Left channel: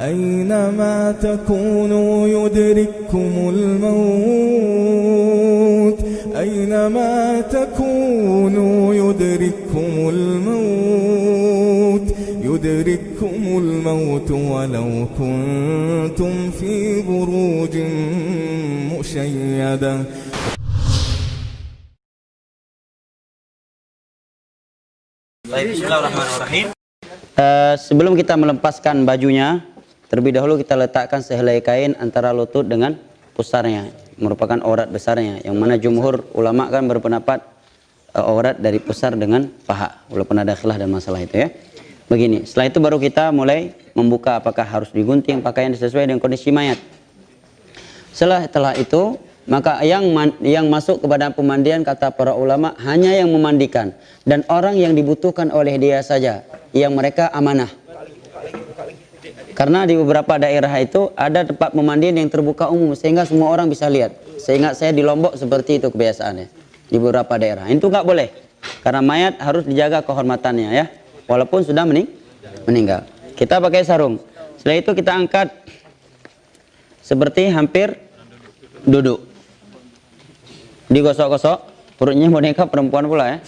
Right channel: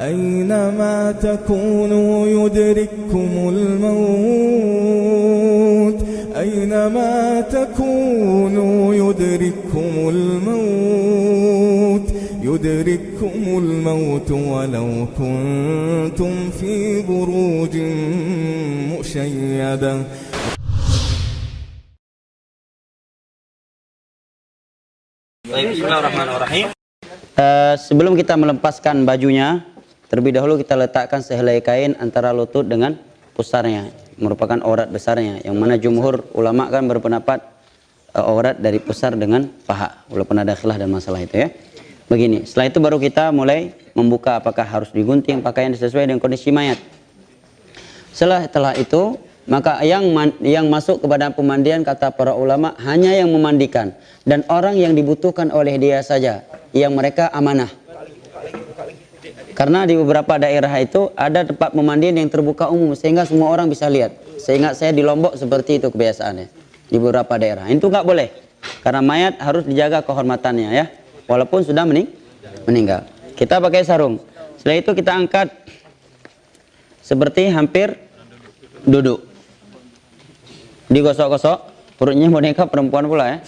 أينما تكونوا يدرككم الموت أينما تكونوا يدرككم الموت ولو كنتم في بروج مشيدة. Bismillahirrahmanirrahim. Sebelum kita melepaskan bajunya, terlebih dahulu kita letakkan sehelai kain antara lutut dengan pusarnya, merupakan aurat besarnya, yang mana jumhur ulama kan berpendapat aurat dari pusar dengan paha, walaupun ada khilaf dan masalah itu ya. Begini, setelah itu baru kita mulai membuka apakah harus digunting pakaian sesuai dengan kondisi mayat. Setelah itu, maka yang masuk kepada pemandian kata para ulama hanya yang memandikan dan orang yang dibutuhkan oleh dia saja, yang mereka amanah. Karena di beberapa daerah itu ada tempat pemandian yang terbuka umum sehingga semua orang bisa lihat. Sehingga saya di Lombok seperti itu kebiasaannya di beberapa daerah. Itu nggak boleh karena mayat harus dijaga kehormatannya ya, walaupun sudah meninggal. Kita pakai sarung. Setelah itu kita angkat seperti hampir duduk. Digosok-gosok, perutnya boneka perempuan pula ya.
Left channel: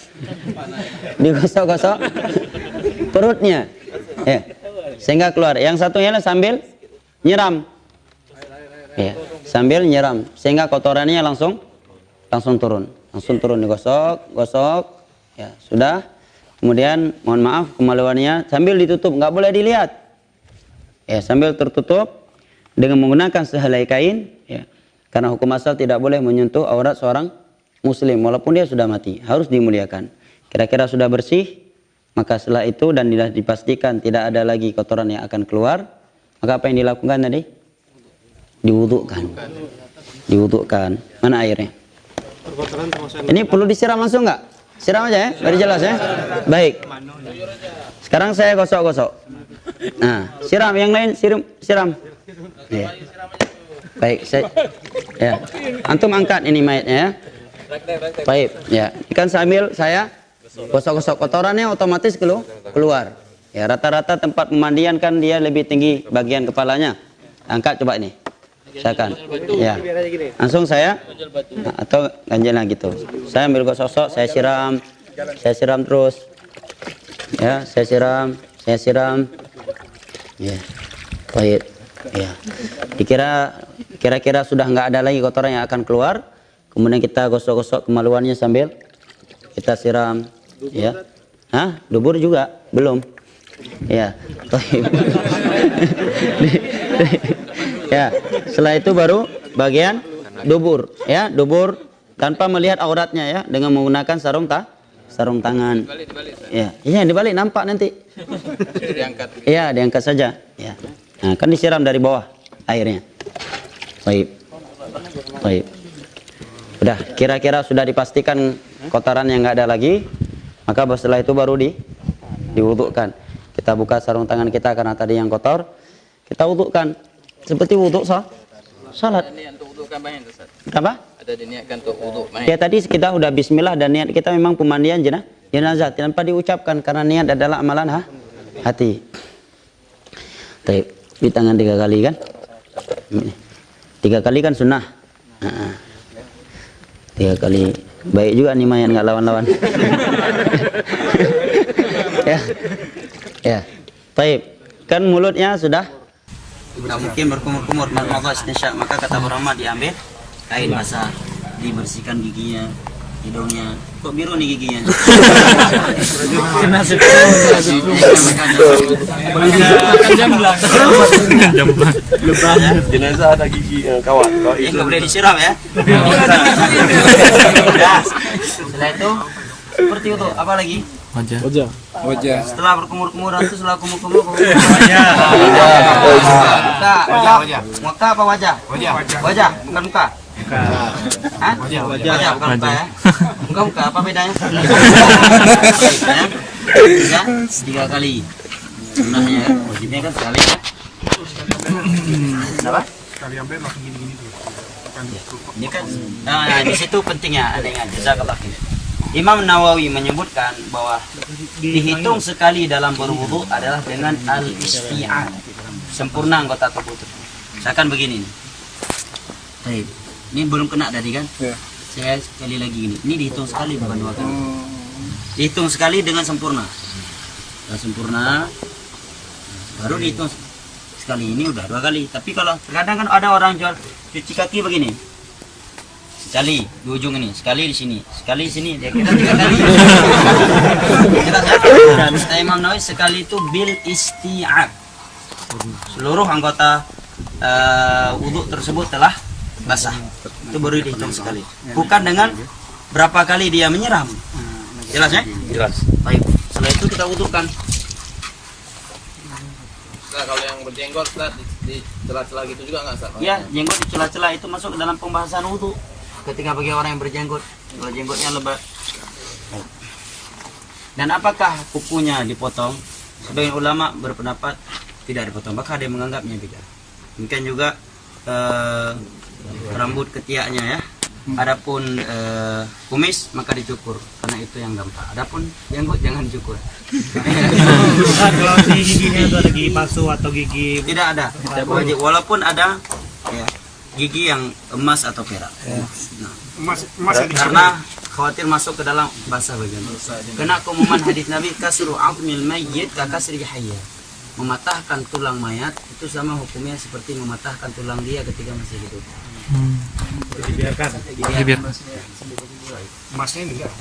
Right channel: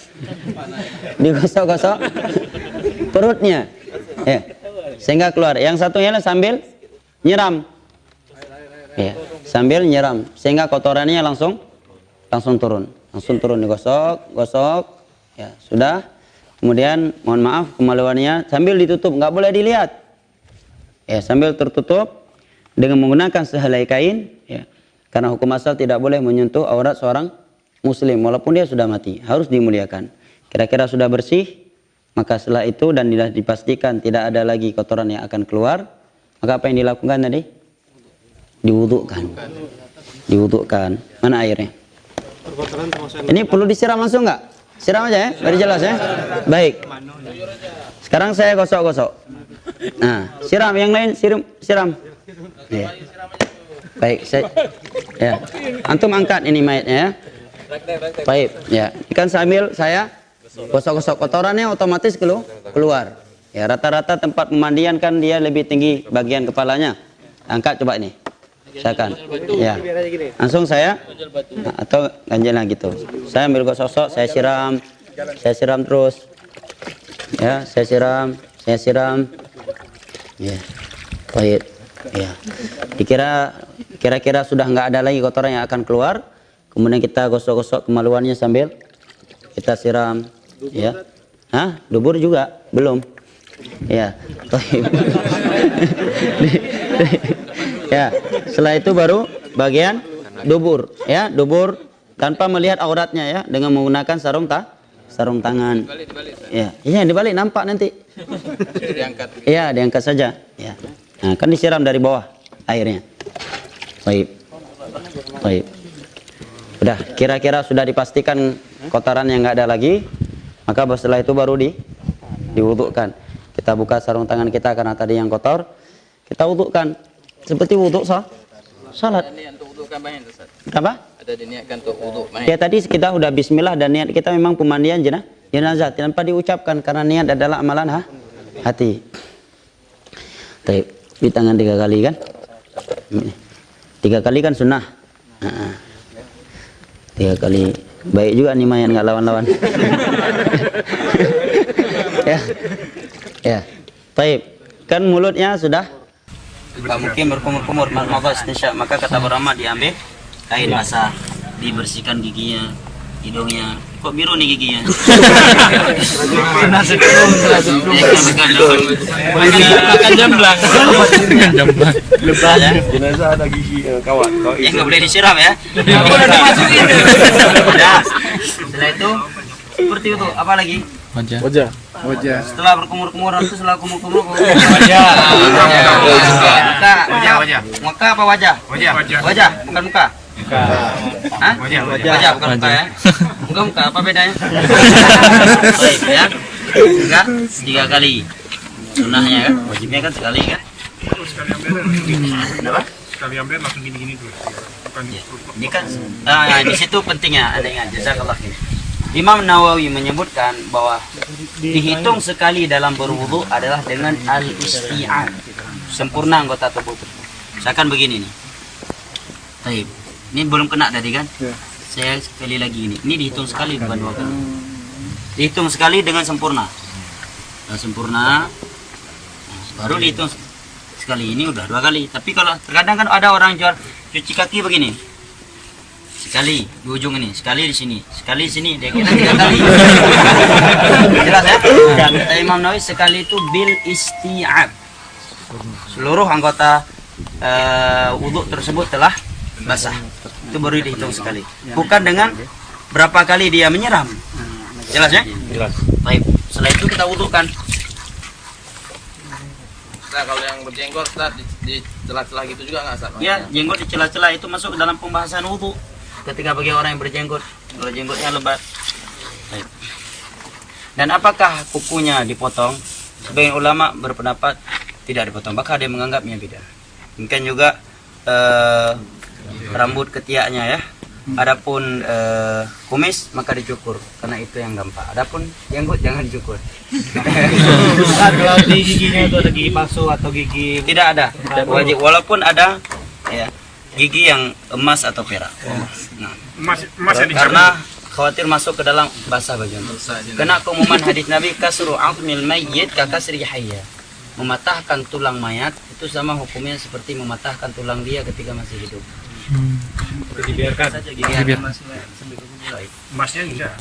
Digosok-gosok perutnya. Ya. Sehingga keluar. Yang satunya sambil nyiram. Ya, sambil nyiram sehingga kotorannya langsung turun. Langsung turun digosok, gosok. Ya, sudah. Kemudian mohon maaf kemaluannya sambil ditutup, nggak boleh dilihat. Ya, sambil tertutup dengan menggunakan sehelai kain, ya. Karena hukum asal tidak boleh menyentuh aurat seorang muslim walaupun dia sudah mati, harus dimuliakan. Kira-kira sudah bersih, maka setelah itu dan dipastikan tidak ada lagi kotoran yang akan keluar, maka apa yang dilakukan tadi? Diwudukkan. Mana airnya? Ini perlu disiram langsung nggak? Siram aja ya, biar jelas ya. Baik. Sekarang saya gosok-gosok. Nah, siram yang lain, siram. Ya. Baik, ya. Antum angkat ini mayatnya ya. Baik, ya. Ikan sambil saya gosok-gosok, kotorannya otomatis keluar. Ya, rata-rata tempat pemandian kan dia lebih tinggi bagian kepalanya. Angkat coba ini. Silakan. Ya. Langsung saya atau ganjilnya gitu. Saya ambil gosok, saya siram terus. Ya, saya siram. Ya. Baik. Ya. Kira-kira sudah nggak ada lagi kotoran yang akan keluar. Kemudian kita gosok-gosok kemaluannya sambil kita siram. Ya. Hah? Dubur juga? Belum. Ya. Ya. Setelah itu baru bagian dubur. Ya, dubur tanpa melihat auratnya ya, dengan menggunakan sarung tangan. Ya. Iya, dibalik nampak nanti. Diangkat. Iya, diangkat saja. Ya. Nah, kan disiram dari bawah airnya. Baik. Udah, kira-kira sudah dipastikan kotoran yang nggak ada lagi, maka setelah itu baru diwudukkan. Kita buka sarung tangan kita karena tadi yang kotor, kita wudukkan seperti wuduk salat. Ada niat untuk wudukkan bahan, Ustaz? Apa? Ada diniatkan untuk wuduk bahan. Ya tadi kita udah bismillah dan niat kita memang pemandian jenazah tanpa diucapkan karena niat adalah amalan hati. Baik. Di tangan 3 kali kan? 3 kali kan sunnah. 3 kali. Baik juga nih mayat nggak lawan-lawan. Ya. Baik. Kan mulutnya sudah mungkin berkumur-kumur, maka kata ulama diambil kain basah, dibersihkan giginya, hidungnya. Kok biru nih giginya? Jamblang. Jenazah ada gigi kawan. Ya nggak boleh disiram ya. Setelah itu seperti itu. Apa lagi? Wajah. Setelah berkumur-kumur nanti setelah kumur-kumur. Wajah. Muka apa wajah? Wajah, bukan muka. Hah? Wajah bukan muka ya. Muka apa bedanya? Baik ya. 3 kali. Sunnahnya kan, wajibnya kan sekali ya. Kenapa? Sekali ambil langsung gini-gini tuh. Ini kan di situ pentingnya ada yang jazakallah. Imam Nawawi menyebutkan bahwa dihitung sekali dalam berwudu adalah dengan al-isti'an, sempurna anggota tubuh tersebut. Misalkan begini nih. Baik. Ini belum kena tadi kan? Saya sekali lagi ini. Ini dihitung sekali bukan 2 kali. Dihitung sekali dengan sempurna. Nah, sempurna. Nah, baru dihitung sekali, ini udah 2 kali. Tapi kalau terkadang kan ada orang jual cuci kaki begini. Sekali di ujung ini, sekali di sini, sekali di sini, dia kira 3 kali. Jelas ya? Nah, kata Imam Nawawi sekali itu bil isti'ab. Seluruh anggota wudhu tersebut telah basah. Itu baru dihitung sekali. Bukan dengan berapa kali dia menyiram. Jelas ya? Jelas. Baik. Setelah itu kita wudhukan. Nah, kalau yang berjenggot di celah-celah gitu juga nggak sah? Ya, jenggot di celah-celah itu masuk ke dalam pembahasan wudhu. Ketika bagi orang yang berjenggot, kalau jenggotnya lebat. Baik. Dan apakah kukunya dipotong? Sebagian ulama berpendapat tidak dipotong, bahkan ada yang menganggapnya beda. Mungkin juga rambut ketiaknya ya. Adapun kumis maka dicukur karena itu yang gampang. Adapun jenggot jangan dicukur. Di giginya itu ada gigi palsu atau gigi Tidak ada. Wajib walaupun ada ya gigi yang emas atau perak. Nah, karena khawatir masuk ke dalam basah bagian. Kena keumuman hadis Nabi kasru aqmil mayyit ka kasri hayya. Mematahkan tulang mayat itu sama hukumnya seperti mematahkan tulang dia ketika masih hidup. dibiarkan. Emasnya enggak.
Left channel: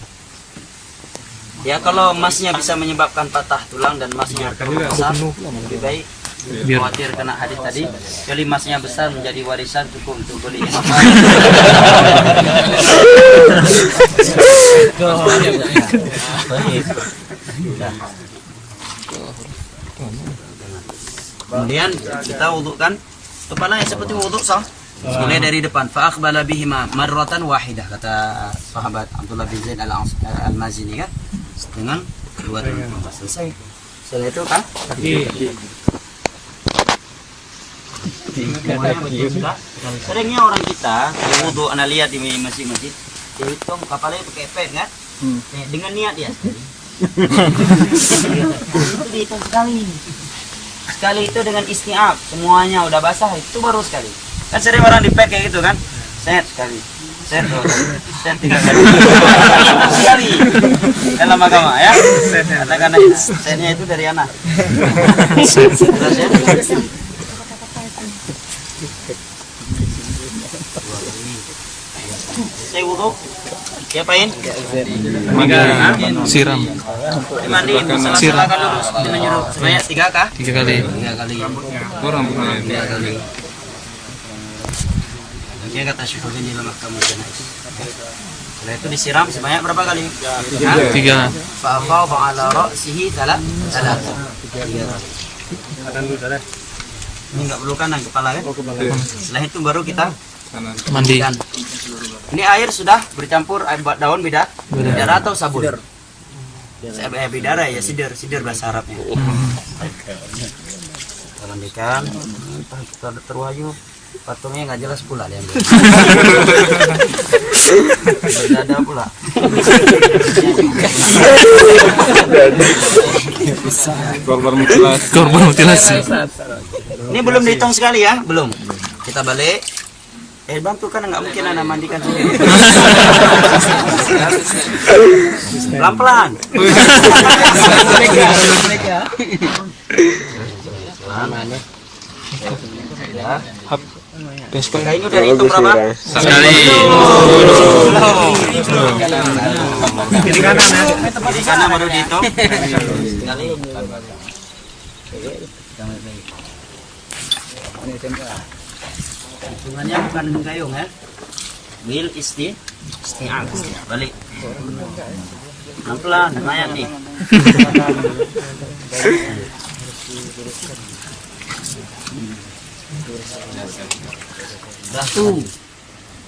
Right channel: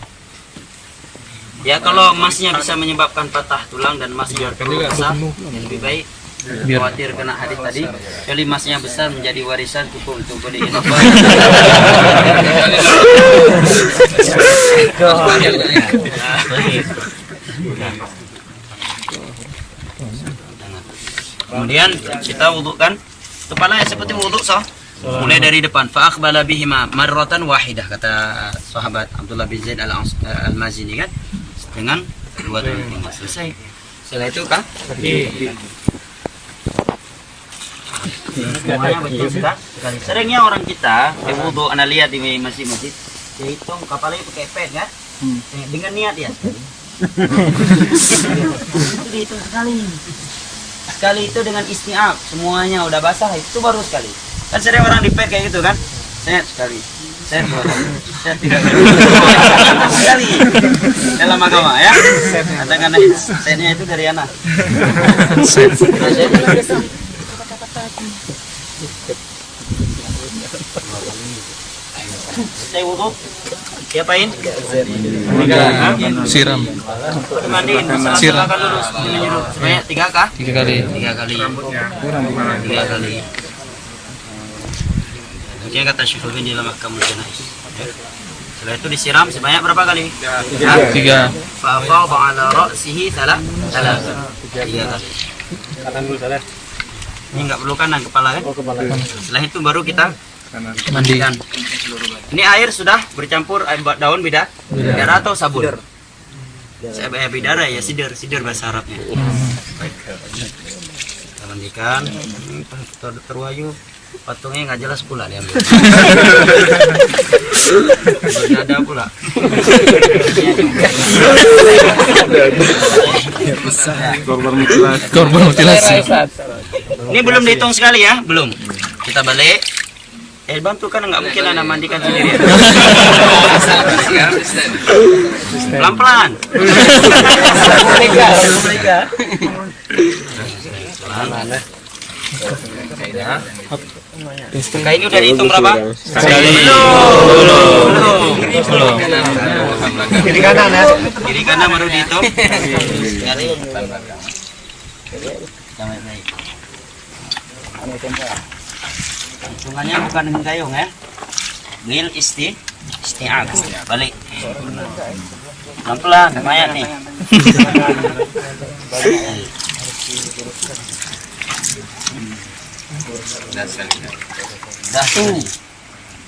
Ya kalau emasnya bisa menyebabkan patah tulang dan emasnya terlalu besar, ya lebih baik. Khawatir kena hadis tadi, jadi emasnya besar menjadi warisan cukup untuk beli inovasi. Kemudian kita wudhukan kepala yang seperti wudhu sah. Mulai dari depan. Fa aqbala bihima marratan wahidah, kata sahabat Abdullah bin Zaid al-Mazini kan, dengan 2 tahun tinggal. Selesai. Setelah itu kan semuanya betul sudah sekali. Seringnya orang kita berwudu, anda lihat di masjid-masjid, dia hitung kepalanya pakai pet kan, dengan niat dia. Itu dihitung sekali. Sekali itu dengan isti'ab, semuanya udah basah, itu baru sekali. Kan sering orang di pet kayak gitu kan, set sekali, set 2 kali, set 3 kali, sekali dalam agama ya. Katakan setnya itu dari anak. Saya wudhu, diapain? Siram. Dimandiin, salah-salahkan dulu, menyuruh sebanyak 3 kah? 3 kali. 3 kali. 3 kali. Mungkin kata Syekh di dalam Ahkamul Janaiz. Setelah itu disiram sebanyak berapa kali? 3. Fa'afadha 'ala ra'sihi 3 kali. Ini enggak perlu kanan kepala kan? Setelah itu baru kita Mandi. Ini air sudah bercampur daun bidara atau sabun. Saya bidara ya, sidir bahasa Arabnya. Baik. Kita mandikan. Terwayu patungnya nggak jelas pula diambil. Berada pula. Korban mutilasi. Ini belum dihitung sekali ya, belum. Kita balik. Bantu kan nggak mungkin anda mandikan sendiri. Pelan-pelan. Maka ini udah dihitung berapa? Sekali. Kiri kanan baru dihitung. Sekali. Hitungannya bukan dengan gayung ya. Bil isti'ab. Balik. Pelan-pelan lumayan nih. Dah tuh.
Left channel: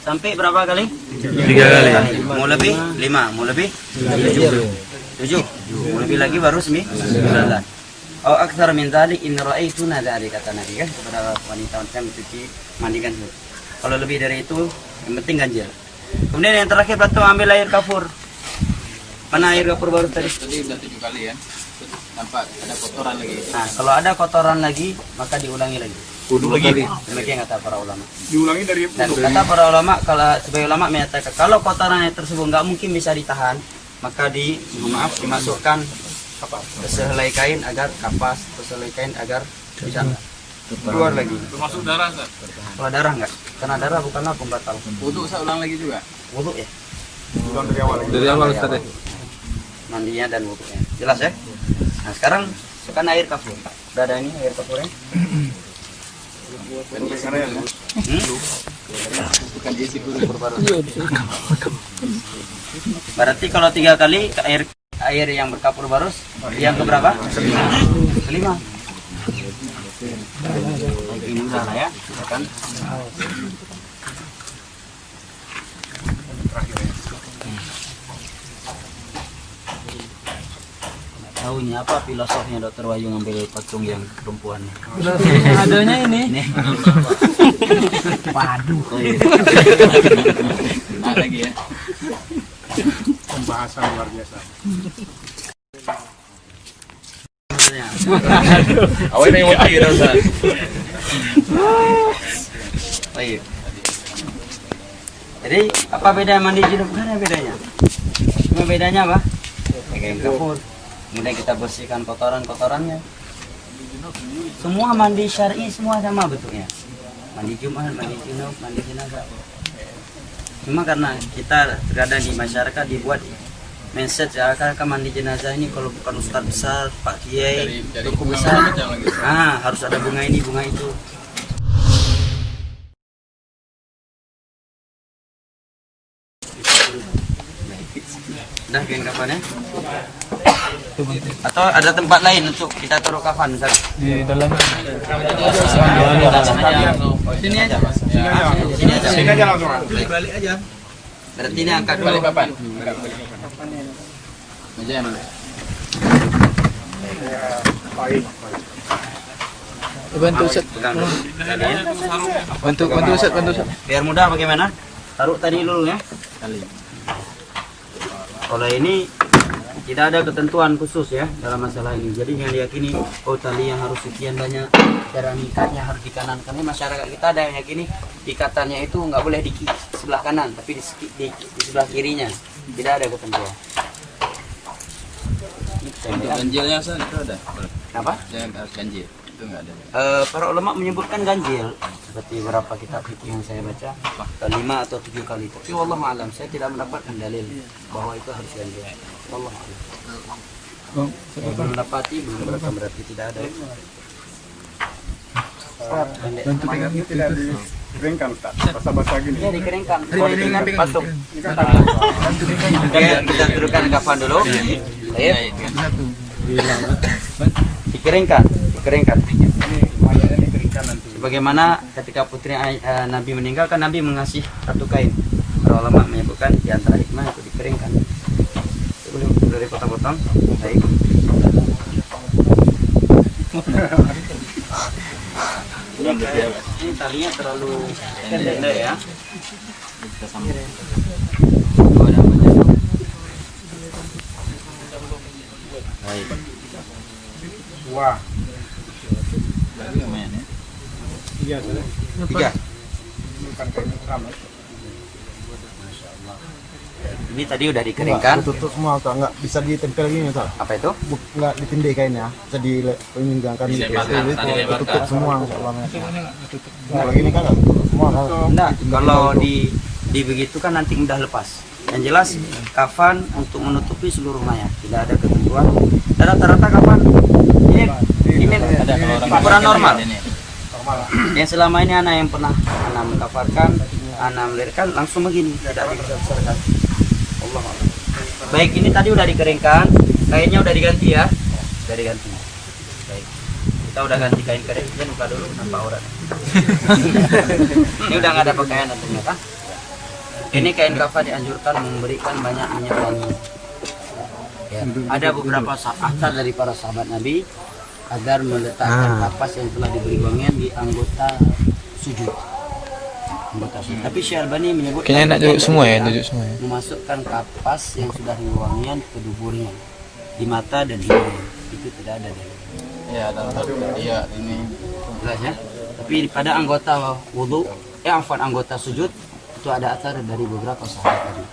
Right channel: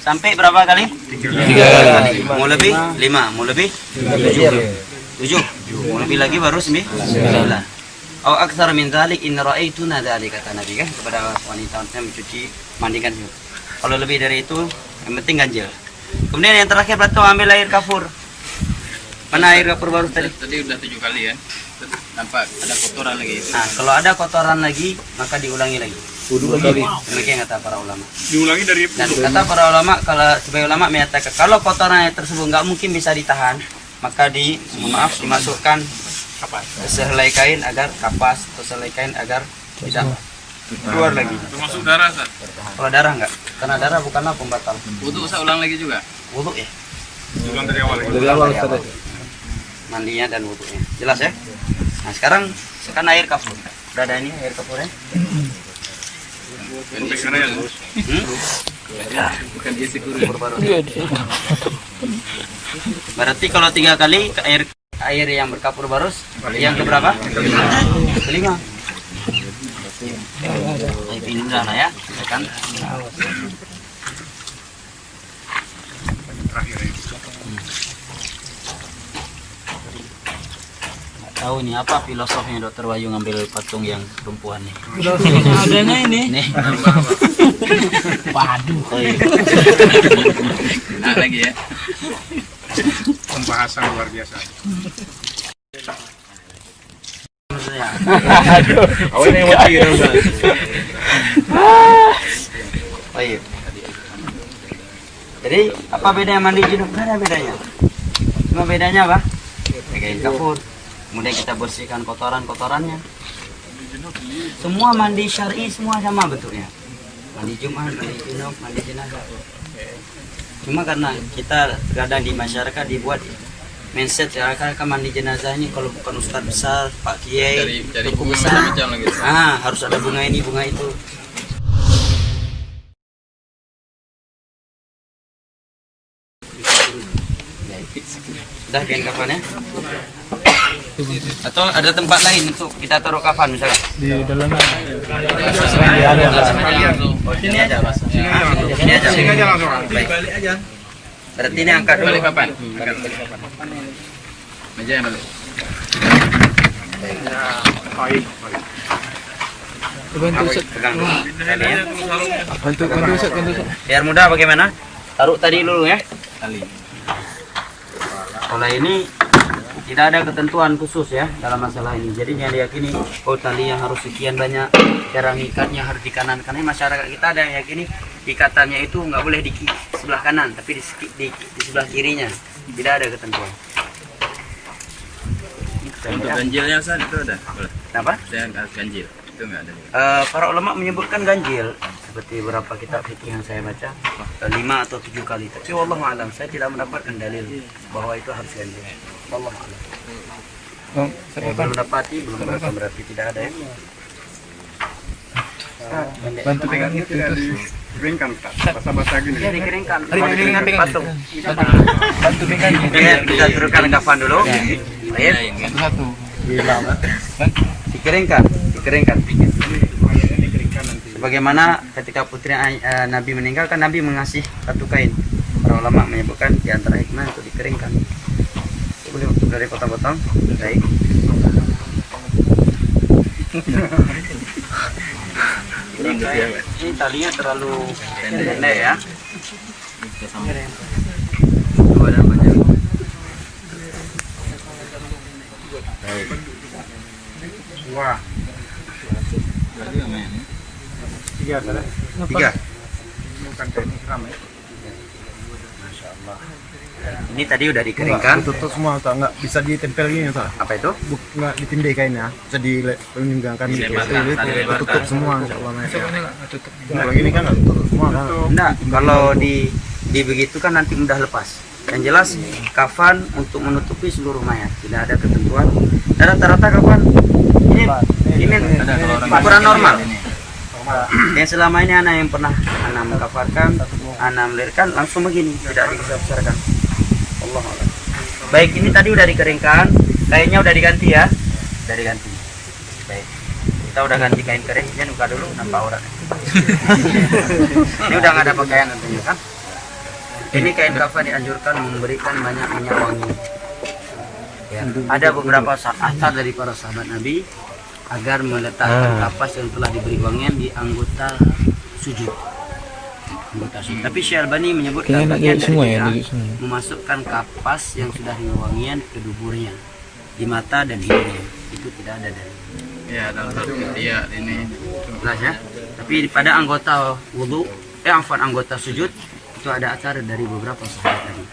Sampai berapa kali? 3 kali. Mau lebih? 5. Mau lebih? 7. Mau lebih lagi baru 9. Au aktsar min dzalik in ra'aituna dzalik, kata Nabi kan kepada wanita-wanita mencuci mandikan juga. Kalau lebih dari itu yang penting ganjil. Kemudian yang terakhir batu ambil air kafur. Mana air kafur baru tadi? Tadi udah 7 kali ya. nampak ada kotoran lagi. Nah, kalau ada kotoran lagi, maka diulangi lagi. Wudu lagi. Demikian kata para ulama. Diulangi dari Dan kata para ulama, kalau sebagai ulama menyatakan kalau kotorannya tersebut nggak mungkin bisa ditahan, maka dimasukkan sehelai kain agar kapas, atau sehelai kain agar tidak keluar lagi. Termasuk darah, Ustaz. Kalau darah nggak, karena darah bukanlah pembatal. Wudu saya ulang lagi juga. Wudu ya. diulang dari awal lagi. Dari awal mandinya dan wudunya. Jelas ya? Nah sekarang air kafur. Udah ada ini air kafurnya. Bukan dia sih Berarti kalau 3 kali air yang berkapur barus, yang keberapa? Kelima. Ini udah lah ya, kan? Tahu nih apa filosofnya Dokter Wahyu ngambil patung yang perempuan nih? Filosofnya adanya ini. Nih. Waduh. Nah lagi ya. Pembahasan luar biasa. Awalnya yang mati ya Ustaz. Baik. Jadi apa bedanya mandi junub? Gak ada bedanya. Cuma bedanya apa? Kain kafur. Kemudian kita bersihkan kotoran-kotorannya. Semua mandi syar'i semua sama bentuknya. Mandi Jumat, mandi junub, mandi jenazah. Cuma karena kita terkadang di masyarakat dibuat mindset kan mandi jenazah ini kalau bukan ustadz besar, Pak Kiai, tuku besar, harus ada bunga ini, bunga itu. Sudah kain kafannya? Atau ada tempat lain untuk kita taruh kafan misalnya? Di dalam Oh, sini aja. Sini aja. Sini aja langsung. Balik aja. Berarti ini angkat dulu. Kapan? Meja yang mana? bantu Ustaz. Pegang tadi ya. Bantu Ustaz. Biar mudah bagaimana? Taruh tadi dulu ya. Tali. Kalau ini tidak ada ketentuan khusus ya dalam masalah ini. Jadi yang diyakini tali yang harus sekian banyak, cara ngikatnya harus di kanan. Karena masyarakat kita ada yang yakini ikatannya itu nggak boleh di sebelah kanan, tapi di sebelah kirinya. Tidak ada ketentuan. Ini Untuk ganjilnya Ustaz itu ada. Kenapa? Yang harus ganjil itu nggak ada. Para ulama menyebutkan ganjil seperti beberapa kitab fikih yang saya baca 5 atau 7 kali. Tapi wallahu alam saya tidak mendapatkan dalil bahwa itu harus ganjil. Wallahu alam. Saya belum dapati, belum berarti tidak ada ya. Bantu pegang itu. Dikeringkan, basah-basah gini. Ya dikeringkan. Patung. Bantu pegang. Kita turunkan kafan dulu. Baik. Dikeringkan. Sebagaimana ketika putri Nabi meninggal kan Nabi mengasih satu kain. Para ulama menyebutkan di antara hikmah untuk dikeringkan. Boleh dari potong-potong. Baik. Ini talinya terlalu pendek ya. Ada banyak. Baik. Wah. Tiga sudah. 3. Bukan kain kami. Masya Allah. Ini tadi udah dikeringkan. Tutup semua tak nggak bisa ditempel gini tak? Apa itu? Nggak ditindih kainnya, bisa dilenggangkan gitu. Tutup semua insya Allah. Kalau gini kan nggak tutup semua kan? Enggak, kalau di begitu kan nanti mudah lepas. Yang jelas kafan untuk menutupi seluruh mayat, tidak ada ketentuan. Dan rata-rata kafan ini ukuran normal. Yang selama ini anak yang pernah anak mengkafarkan, anak melahirkan langsung begini, tidak dibesar-besarkan. Allah Allah. Baik, ini tadi udah dikeringkan, kainnya udah diganti ya, udah diganti. Baik, kita udah ganti kain kering, jadi buka dulu nampak auratnya. Ini udah nggak ada pakaian tentunya kan? Ini kain kafan dianjurkan memberikan banyak minyak wangi. Ya, ada beberapa asar dari para sahabat Nabi agar meletakkan kapas yang telah diberi wangian di anggota sujud. Tapi Syekh Albani menyebutkan memasukkan kapas yang sudah diberi wangian ke duburnya, di mata dan hidungnya. itu tidak ada dalil. Ya, dalam satu iya ini. Jelas ya. Tapi pada anggota wudu, anggota sujud itu ada acara dari beberapa sahabat tadi.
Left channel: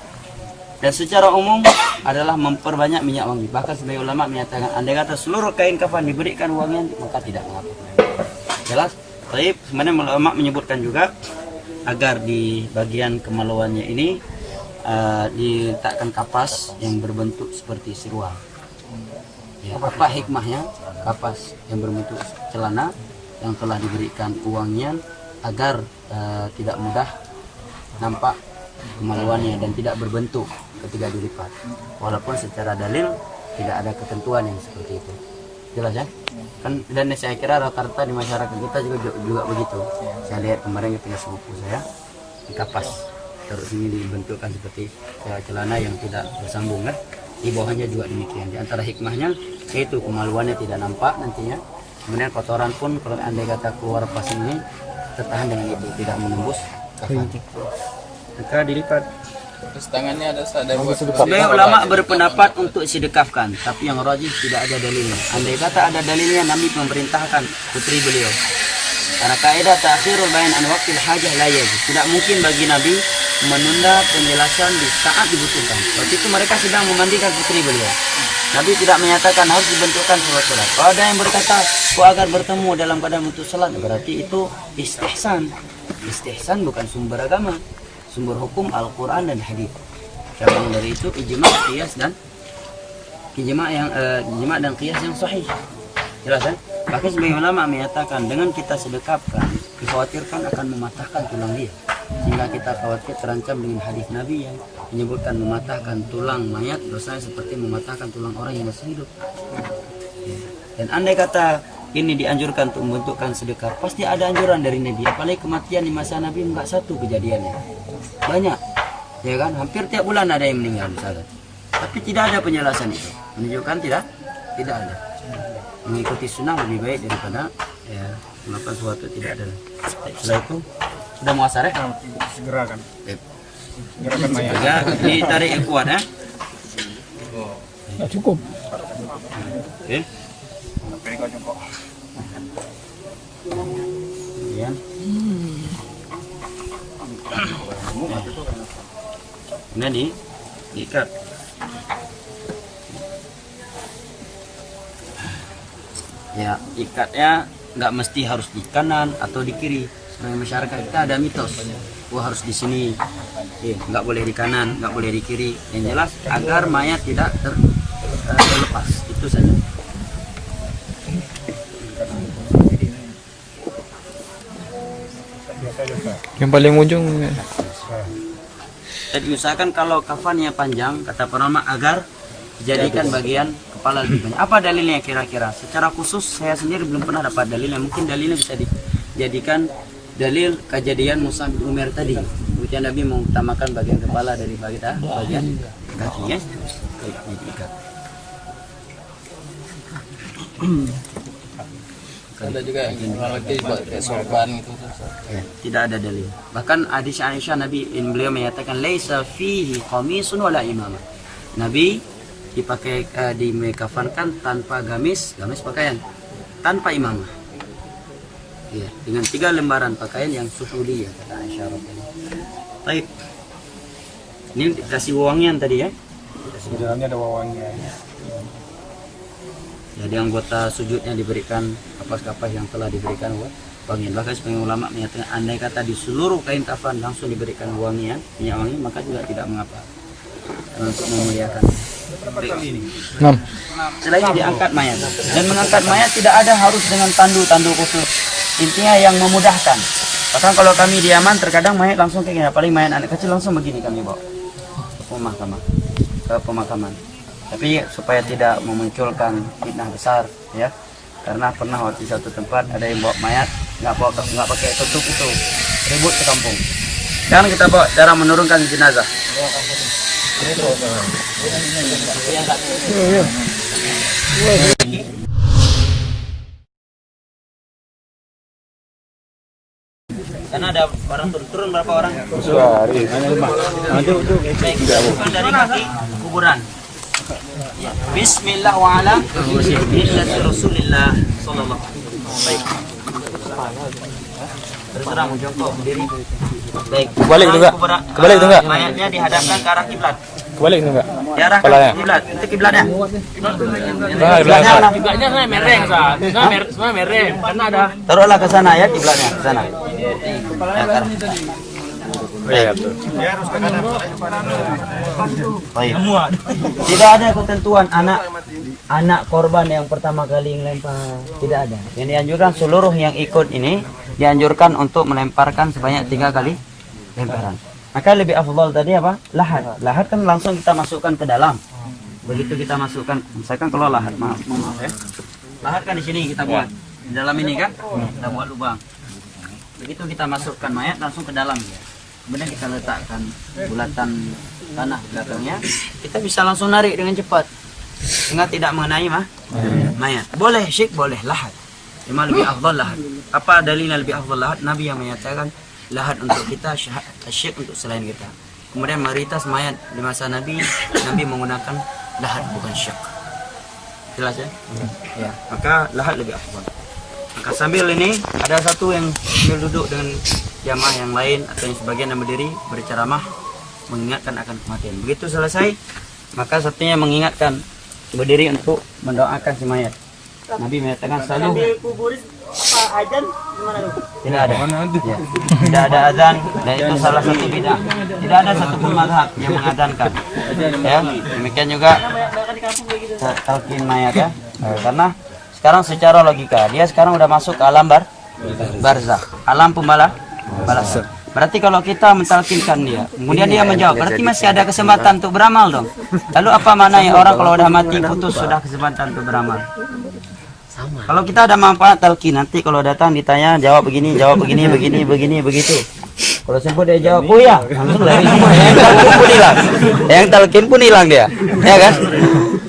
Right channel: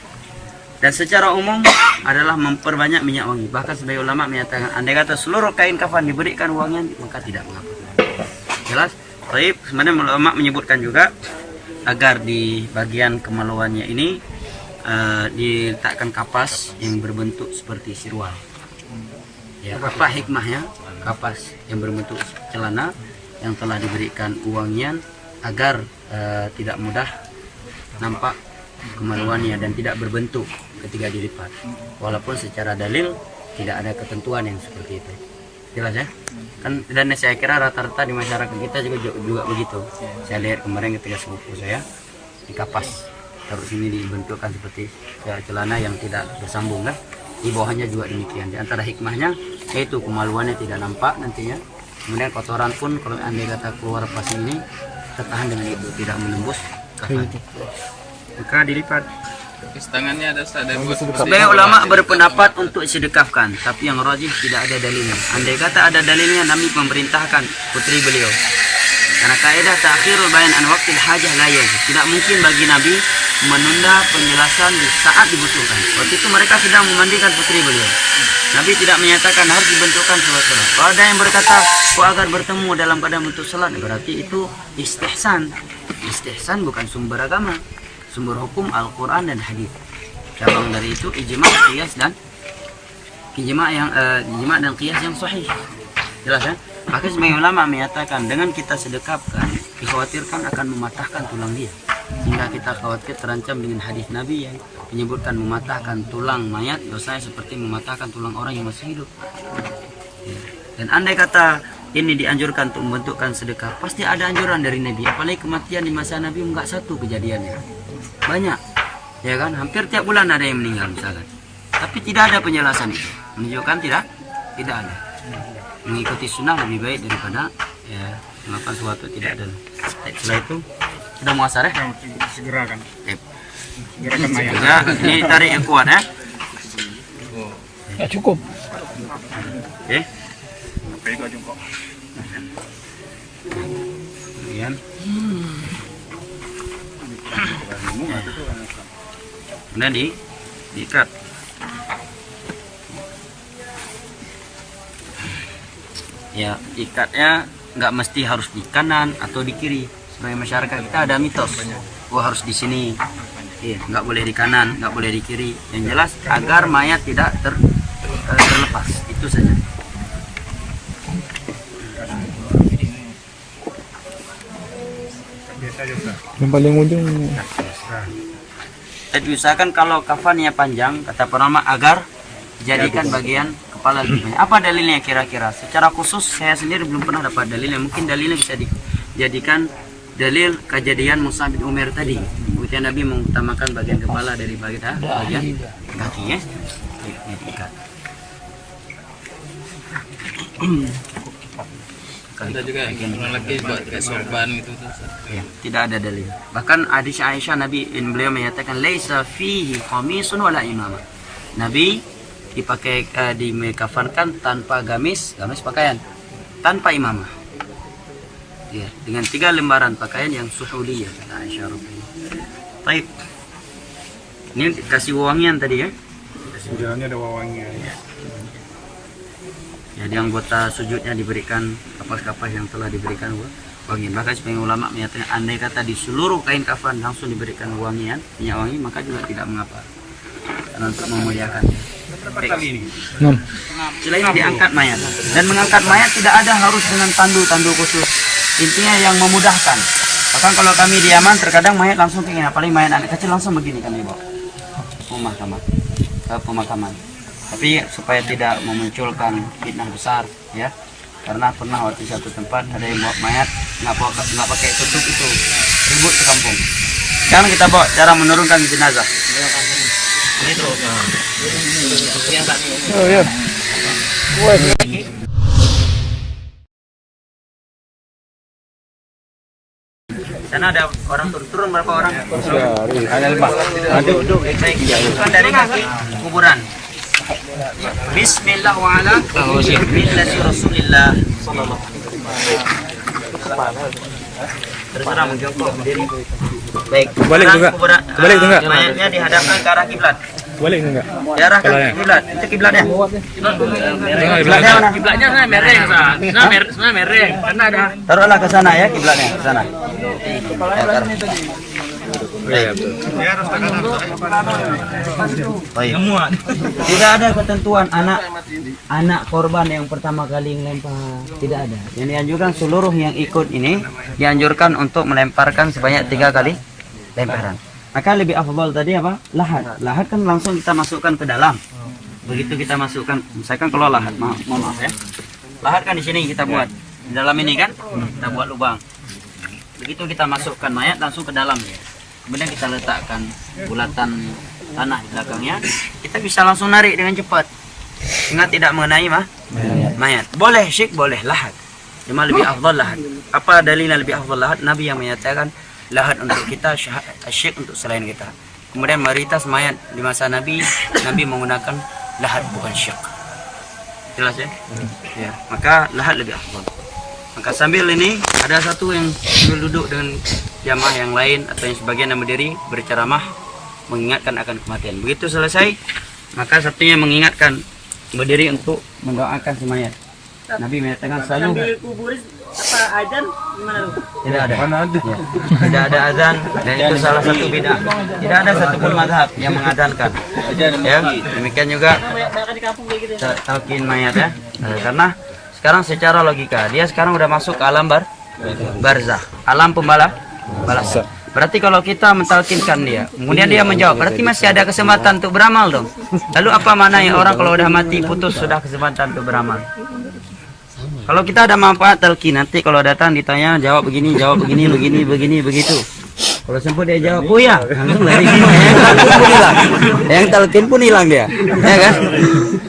Dan secara umum adalah memperbanyak minyak wangi. Bahkan sebagai ulama menyatakan andai kata seluruh kain kafan diberikan wangian maka tidak mengapa. Jelas? Baik, sebenarnya ulama menyebutkan juga agar di bagian kemaluannya ini diletakkan kapas yang berbentuk seperti sirwal. Ya, apa hikmahnya? Kapas yang berbentuk celana yang telah diberikan wangian agar tidak mudah nampak kemaluannya dan tidak berbentuk ketika dilipat. Walaupun secara dalil tidak ada ketentuan yang seperti itu. Jelas ya? Kan dan saya kira rata-rata di masyarakat kita juga begitu. Saya lihat kemarin ketika sepupu saya di kapas terus ini dibentukkan seperti celana yang tidak bersambung kan. Di bawahnya juga demikian. Di antara hikmahnya yaitu kemaluannya tidak nampak nantinya. Kemudian kotoran pun kalau andai kata keluar pas ini tertahan dengan itu, tidak menembus kafan. Maka dilipat. Terus tangannya ada buat. Sebagai ulama berpendapat untuk sedekapkan, tapi yang rajih tidak ada dalilnya. Andai kata ada dalilnya, Nabi memerintahkan putri beliau. Karena kaidah ta'khirul bayan an waqtil hajah la yajuz. Tidak mungkin bagi Nabi menunda penjelasan di saat dibutuhkan. Waktu itu mereka sedang memandikan putri beliau. Nabi tidak menyatakan harus dibentukkan salat. Kalau ada yang berkata, agar bertemu dalam keadaan bentuk salat, berarti itu istihsan. Istihsan bukan sumber agama. Sumber hukum Al-Quran dan hadis. Cabang dari itu ijma, qiyas dan ijma dan qiyas yang sahih. Jelas ya? Bahkan sebagian ulama menyatakan dengan kita sedekapkan, dikhawatirkan akan mematahkan tulang dia. Sehingga kita khawatir terancam dengan hadis Nabi yang menyebutkan mematahkan tulang mayat dosanya seperti mematahkan tulang orang yang masih hidup. Ya. Dan andai kata ini dianjurkan untuk membentukkan sedekah, pasti ada anjuran dari Nabi. Apalagi kematian di masa Nabi enggak satu kejadiannya. Banyak, ya kan? Hampir tiap bulan ada yang meninggal misalkan. Tapi tidak ada penjelasan itu. Menunjukkan tidak ada. Mengikuti sunnah lebih baik daripada ya melakukan sesuatu tidak ada. Setelah itu sudah muasar ya? Segerakan. Yep. Segerakan mayat. Juga, ini tarik yang kuat ya. Ya cukup. Oke. Kemudian. Kemudian diikat. Ya, ikatnya nggak mesti harus di kanan atau di kiri. Sebagai masyarakat kita ada mitos, harus di sini, nggak boleh di kanan, nggak boleh di kiri. Yang jelas agar mayat tidak terlepas, itu saja. Yang paling ujung. Jadi usahakan kalau kafannya panjang, kata penama agar jadikan bagian kepala lebih banyak. Apa dalilnya kira-kira? Secara khusus saya sendiri belum pernah dapat dalilnya. Mungkin dalilnya bisa dijadikan dalil kejadian Mus'ab bin Umair tadi. Kemudian Nabi mengutamakan bagian kepala dari bagian kaki ya. Diikat. Ada juga yang lagi buat kayak sorban gitu. Ya, tidak ada dalil. Bahkan hadis Aisyah Nabi beliau menyatakan laisa fihi qamisun wala imamah. Nabi dipakai dikafankan tanpa gamis pakaian, tanpa imamah. Ya, dengan 3 lembaran pakaian yang suhuliyah kata Aisyah radhiyallahu anha. Baik. Ini dikasih wangian tadi ya. Jalannya ada wawangian. Jadi anggota sujudnya diberikan kapas-kapas yang telah diberikan wangian. Bahkan sebagian ulama menyatakan andai kata di seluruh kain kafan langsung diberikan wangian, minyak wangi, maka juga tidak mengapa. Karena untuk memuliakan. Setelah ini diangkat mayat. Dan mengangkat mayat tidak ada harus dengan tandu khusus. Intinya yang memudahkan. Bahkan kalau kami di Yaman terkadang mayat langsung kayak gini, apalagi mayat anak kecil langsung begini kami bawa ke pemakaman. Tapi supaya tidak memunculkan fitnah besar ya, karena pernah waktu satu tempat ada yang bawa mayat nggak pakai tutup itu, ribut sekampung. Sekarang kita bawa cara menurunkan jenazah. Sana ada orang turun berapa orang? Duduk dari kaki kuburan. Bismillah wa ala millati Rasulillah sallallahu alaihi wasallam. Terserah mau jongkok berdiri. Baik. Kebalik juga. Kebalik juga. Mayatnya dihadapkan ke arah kiblat. Kebalik juga. Diarahkan ke kiblat. Itu kiblatnya. Kiblatnya sana mereng, sana mereng. Karena ada. Taruhlah ke sana ya kiblatnya, ke sana. Oh iya. Tidak ada ketentuan anak korban yang pertama kali melempar, tidak ada. Yang dianjurkan seluruh yang ikut ini dianjurkan untuk melemparkan sebanyak 3 kali lemparan. Maka lebih afdal tadi apa? Lahat. Lahat kan langsung kita masukkan ke dalam. Begitu kita masukkan, misalkan kalau lahat, maaf ya. Lahat kan di sini kita buat. Di dalam ini kan kita buat lubang. Begitu kita masukkan mayat langsung ke dalam ya. Kemudian kita letakkan bulatan tanah di belakangnya, kita bisa langsung narik dengan cepat sehingga tidak mengenai mayat. Boleh syik, boleh lahat, cuma lebih afdal lahat. Apa dalilnya lebih afdal lahat? Nabi yang menyatakan lahat untuk kita, syik untuk selain kita. Kemudian mayoritas mayat di masa Nabi menggunakan lahat bukan syik. Jelas ya? Ya, maka lahat lebih afdal. Maka sambil ini ada satu yang sambil duduk dengan jamaah yang lain atau yang sebagian yang berdiri berceramah mengingatkan akan kematian. Begitu selesai, maka satunya mengingatkan berdiri untuk mendoakan si mayat. Nabi menyatakan selalu tidak ada. Ya. Tidak ada azan dan itu salah satu bid'ah. Tidak ada satupun mazhab yang mengadankan. Ya, demikian juga talqin mayat ya. Karena sekarang secara logika dia sekarang udah masuk ke alam barzakh, alam pembalasan. Berarti kalau kita mentalkinkan dia, kemudian dia menjawab, berarti masih ada kesempatan untuk beramal dong. Lalu apa maknanya orang kalau udah mati putus sudah kesempatan untuk beramal? Kalau kita ada manfaat talqin, nanti kalau datang ditanya jawab begini, begitu. Kalau sempat dia jawab, oh ya, langsung lari. Yang talqin pun hilang dia, ya kan?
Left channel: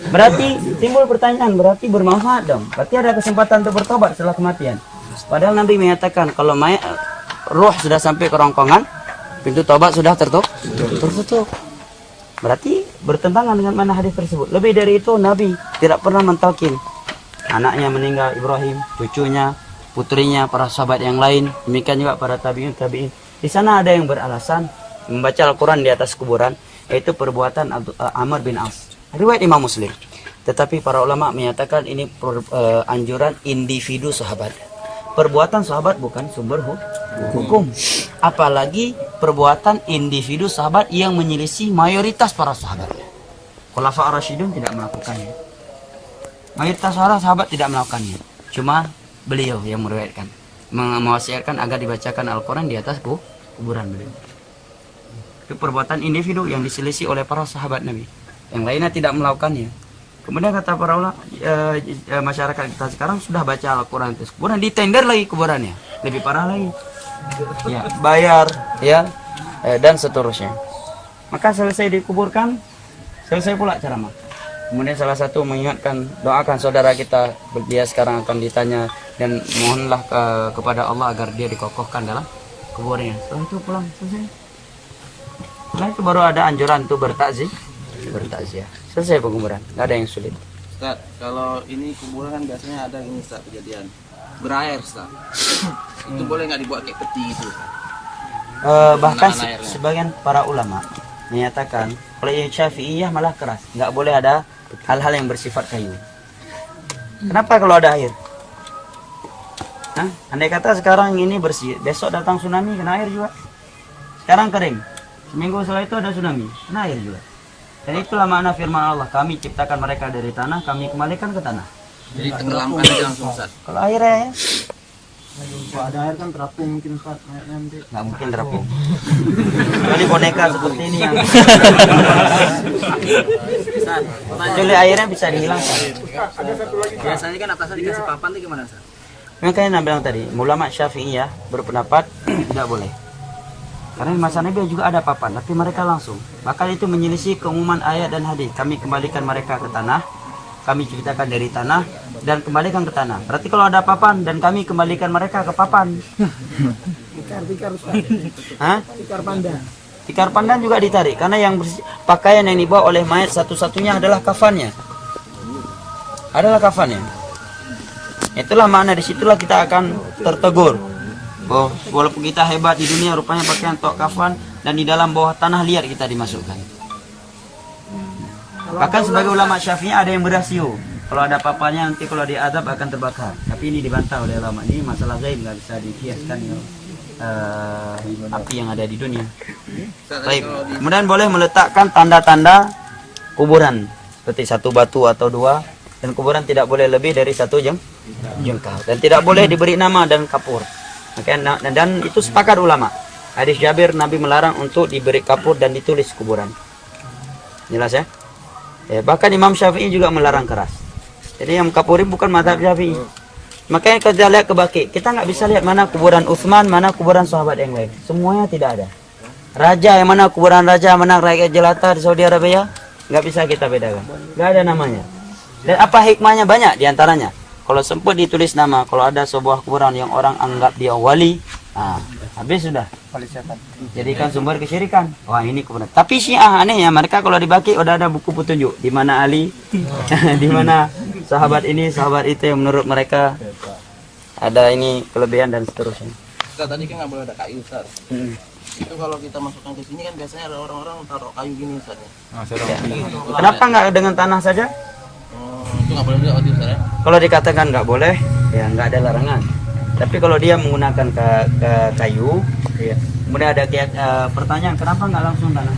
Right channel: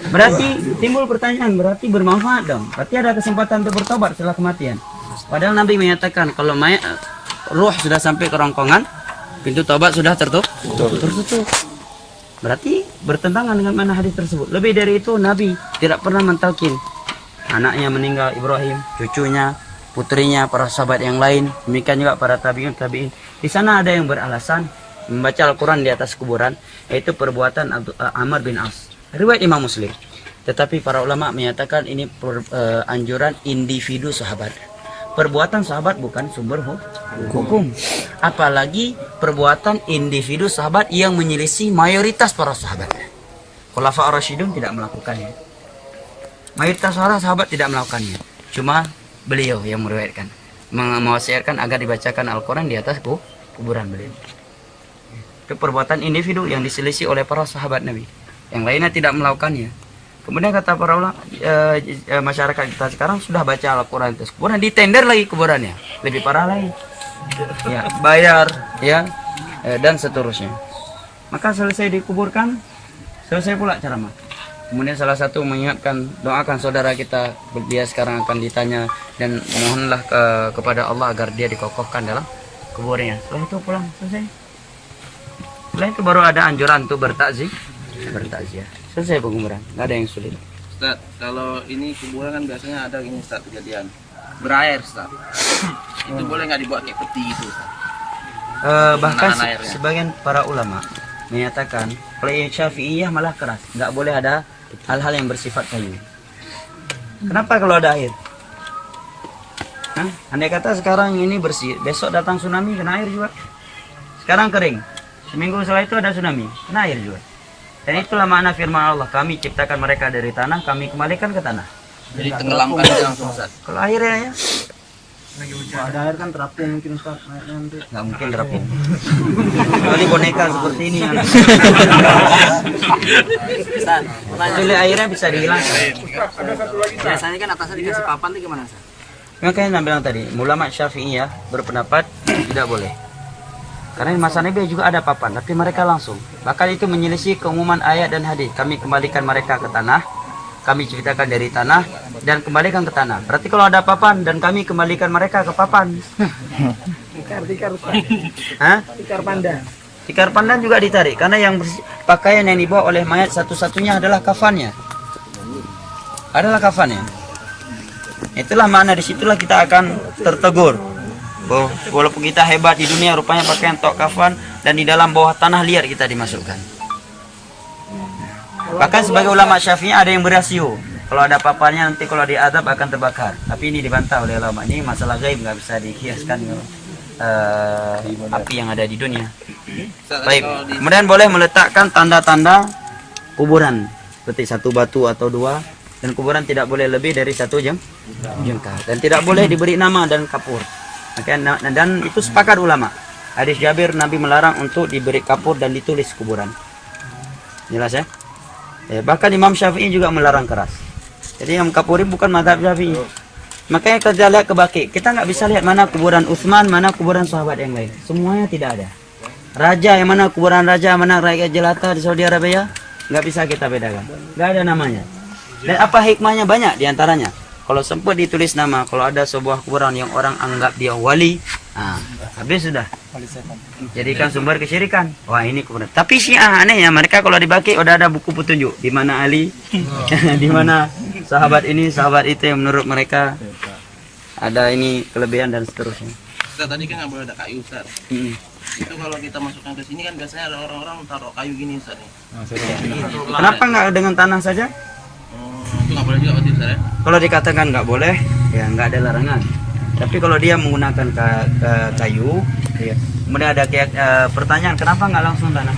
Berarti timbul pertanyaan, berarti bermanfaat dong. Berarti ada kesempatan untuk bertobat setelah kematian. Padahal Nabi menyatakan kalau mayat roh sudah sampai ke rongkongan, pintu tobat sudah tertutup. Berarti bertentangan dengan mana hadis tersebut. Lebih dari itu Nabi tidak pernah mentalkin anaknya meninggal Ibrahim, cucunya, putrinya, para sahabat yang lain, demikian juga para tabi'in. Di sana ada yang beralasan membaca Al-Quran di atas kuburan, yaitu perbuatan Amr bin As. Riwayat Imam Muslim. Tetapi para ulama menyatakan ini anjuran individu sahabat. Perbuatan sahabat bukan sumber hukum. Apalagi perbuatan individu sahabat yang menyelisih mayoritas para sahabat. Khulafa ar-Rasyidun tidak melakukannya. Mayoritas para sahabat tidak melakukannya. Cuma beliau yang meriwayatkan, mewasiatkan agar dibacakan Al-Quran di atas kuburan beliau. Itu perbuatan individu yang diselisih oleh para sahabat Nabi. Yang lainnya tidak melakukannya. Kemudian kata para ulama, masyarakat kita sekarang sudah baca Al-Quran terus kuburan, ditender lagi kuburannya, lebih parah lagi. Ya, bayar, ya, dan seterusnya. Maka selesai dikuburkan, selesai pula ceramah. Kemudian salah satu mengingatkan, doakan saudara kita, dia sekarang akan ditanya dan mohonlah kepada Allah agar dia dikokohkan dalam kuburnya. Setelah itu pulang, selesai. Setelah itu baru ada anjuran untuk bertakziah. Selesai penguburan, nggak ada yang sulit. Ustaz, kalau ini kuburan kan biasanya ada ini Ustaz kejadian berair Ustaz. Itu boleh nggak dibuat kayak peti itu? Bahkan sebagian para ulama menyatakan kalau Syafi'iyah malah keras, nggak boleh ada hal-hal yang bersifat kayu. Kenapa kalau ada air? Andai kata sekarang ini bersih, besok datang tsunami kena air juga. Sekarang kering, seminggu setelah itu ada tsunami, kena air juga. Dan itulah makna firman Allah, kami ciptakan mereka dari tanah, kami kembalikan ke tanah. Jadi tenggelamkan aja langsung Ustaz. Kalau airnya ya, Ada air kan terapung mungkin Ustaz, airnya nanti. nggak mungkin terapung. Kecuali boneka seperti ini yang Ustaz, kecuali airnya bisa dihilangkan. biasanya kan atasnya dikasih papan itu gimana Ustaz? Makanya bilang tadi, ulama Syafi'iyah berpendapat tidak boleh. Karena di masa Nabi juga ada papan, tapi mereka langsung. Bahkan itu menyelisih keumuman ayat dan hadis. Kami kembalikan mereka ke tanah, kami ciptakan dari tanah dan kembalikan ke tanah. Berarti kalau ada papan dan kami kembalikan mereka ke papan. Hah? Tikar pandan juga ditarik karena yang pakaian yang dibawa oleh mayat satu-satunya adalah kafannya. Adalah kafannya. Itulah makna, disitulah kita akan tertegur. Walaupun kita hebat di dunia, rupanya pakaian tok kafan dan di dalam bawah tanah liat kita dimasukkan. Bahkan sebagai ulama Syafi'i ada yang berasio. Kalau ada paparnya nanti kalau diadab akan terbakar. Tapi ini dibantah oleh ulama, ini masalah gaib, nggak bisa dikiaskan api yang ada di dunia. Baik, kemudian boleh meletakkan tanda-tanda kuburan seperti satu batu atau dua, dan kuburan tidak boleh lebih dari satu jengkal, dan tidak boleh diberi nama dan kapur. Dan itu sepakat ulama. Hadis Jabir, Nabi melarang untuk diberi kapur dan ditulis kuburan. Jelas ya? Bahkan Imam Syafi'i juga melarang keras. Jadi yang kapuri bukan mazhab Syafi'i. Makanya kita lihat ke Baqi, kita nggak bisa lihat mana kuburan Utsman, mana kuburan sahabat yang lain. Semuanya tidak ada. Raja yang mana kuburan raja, mana rakyat jelata di Saudi Arabia, nggak bisa kita bedakan. Nggak ada namanya. Dan apa hikmahnya? Banyak diantaranya. Kalau sempat ditulis nama, kalau ada sebuah kuburan yang orang anggap dia wali, habis sudah. Jadikan sumber kesyirikan. Wah, ini kuburan. Tapi Syiah anehnya, mereka kalau di Baqi udah ada buku petunjuk di mana Ali, di mana sahabat ini, sahabat itu yang menurut mereka ada ini kelebihan dan seterusnya. Ustaz, tadi kan nggak boleh ada kayu, Ustaz. Itu kalau kita masukkan ke sini kan biasanya ada orang-orang taruh kayu gini, Ustaz. Kenapa nggak dengan tanah saja? Itu nggak boleh juga berarti, Ustaz ya? Kalau dikatakan nggak boleh, ya nggak ada larangan. Tapi kalau dia menggunakan kayu, ya. Kemudian ada pertanyaan, kenapa nggak langsung tanah?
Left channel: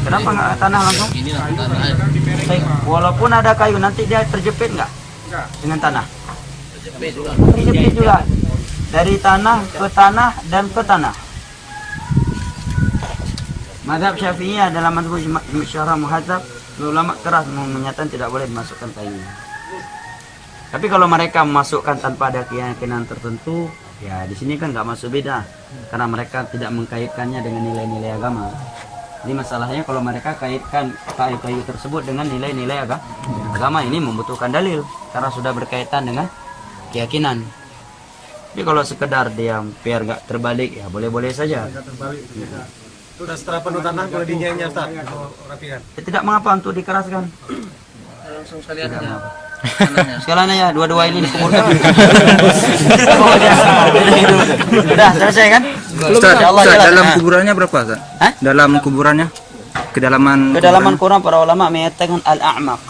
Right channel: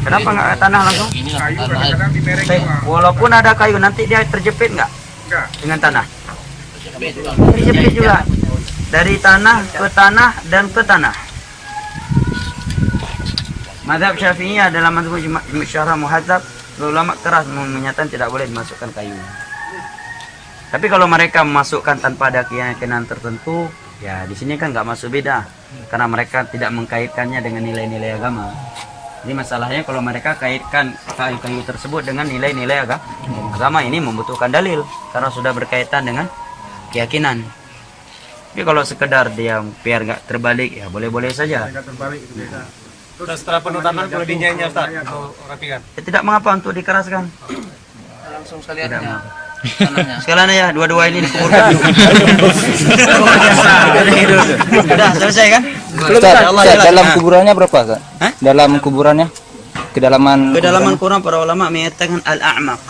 Kenapa nggak tanah langsung? Ini lah tanah. Walaupun ada kayu, nanti dia terjepit nggak dengan tanah? Terjepit juga. Terjepit juga. Dari tanah ke tanah dan ke tanah. Mazhab Syafi'i dalam mazhab Syarah Muhadzab, ulama keras menyatakan tidak boleh dimasukkan kayu. Tapi kalau mereka memasukkan tanpa ada keyakinan tertentu, ya di sini kan nggak masuk beda, karena mereka tidak mengkaitkannya dengan nilai-nilai agama. Jadi masalahnya kalau mereka kaitkan kayu-kayu tersebut dengan nilai-nilai agama, ini membutuhkan dalil karena sudah berkaitan dengan keyakinan. Tapi kalau sekedar dia biar nggak terbalik, ya boleh-boleh saja. Sudah setelah penuh tanah boleh dinyanyi Ustaz atau rapikan? Ya, tidak mengapa untuk dikeraskan. Langsung sekalian aja tanahnya. Sekalian ya, dua-dua ini dikuburkan. Sudah selesai kan? Ustaz, dalam kuburannya berapa, Ustaz? Dalam kuburannya? Kedalaman Quran para ulama menyatakan al-a'maq.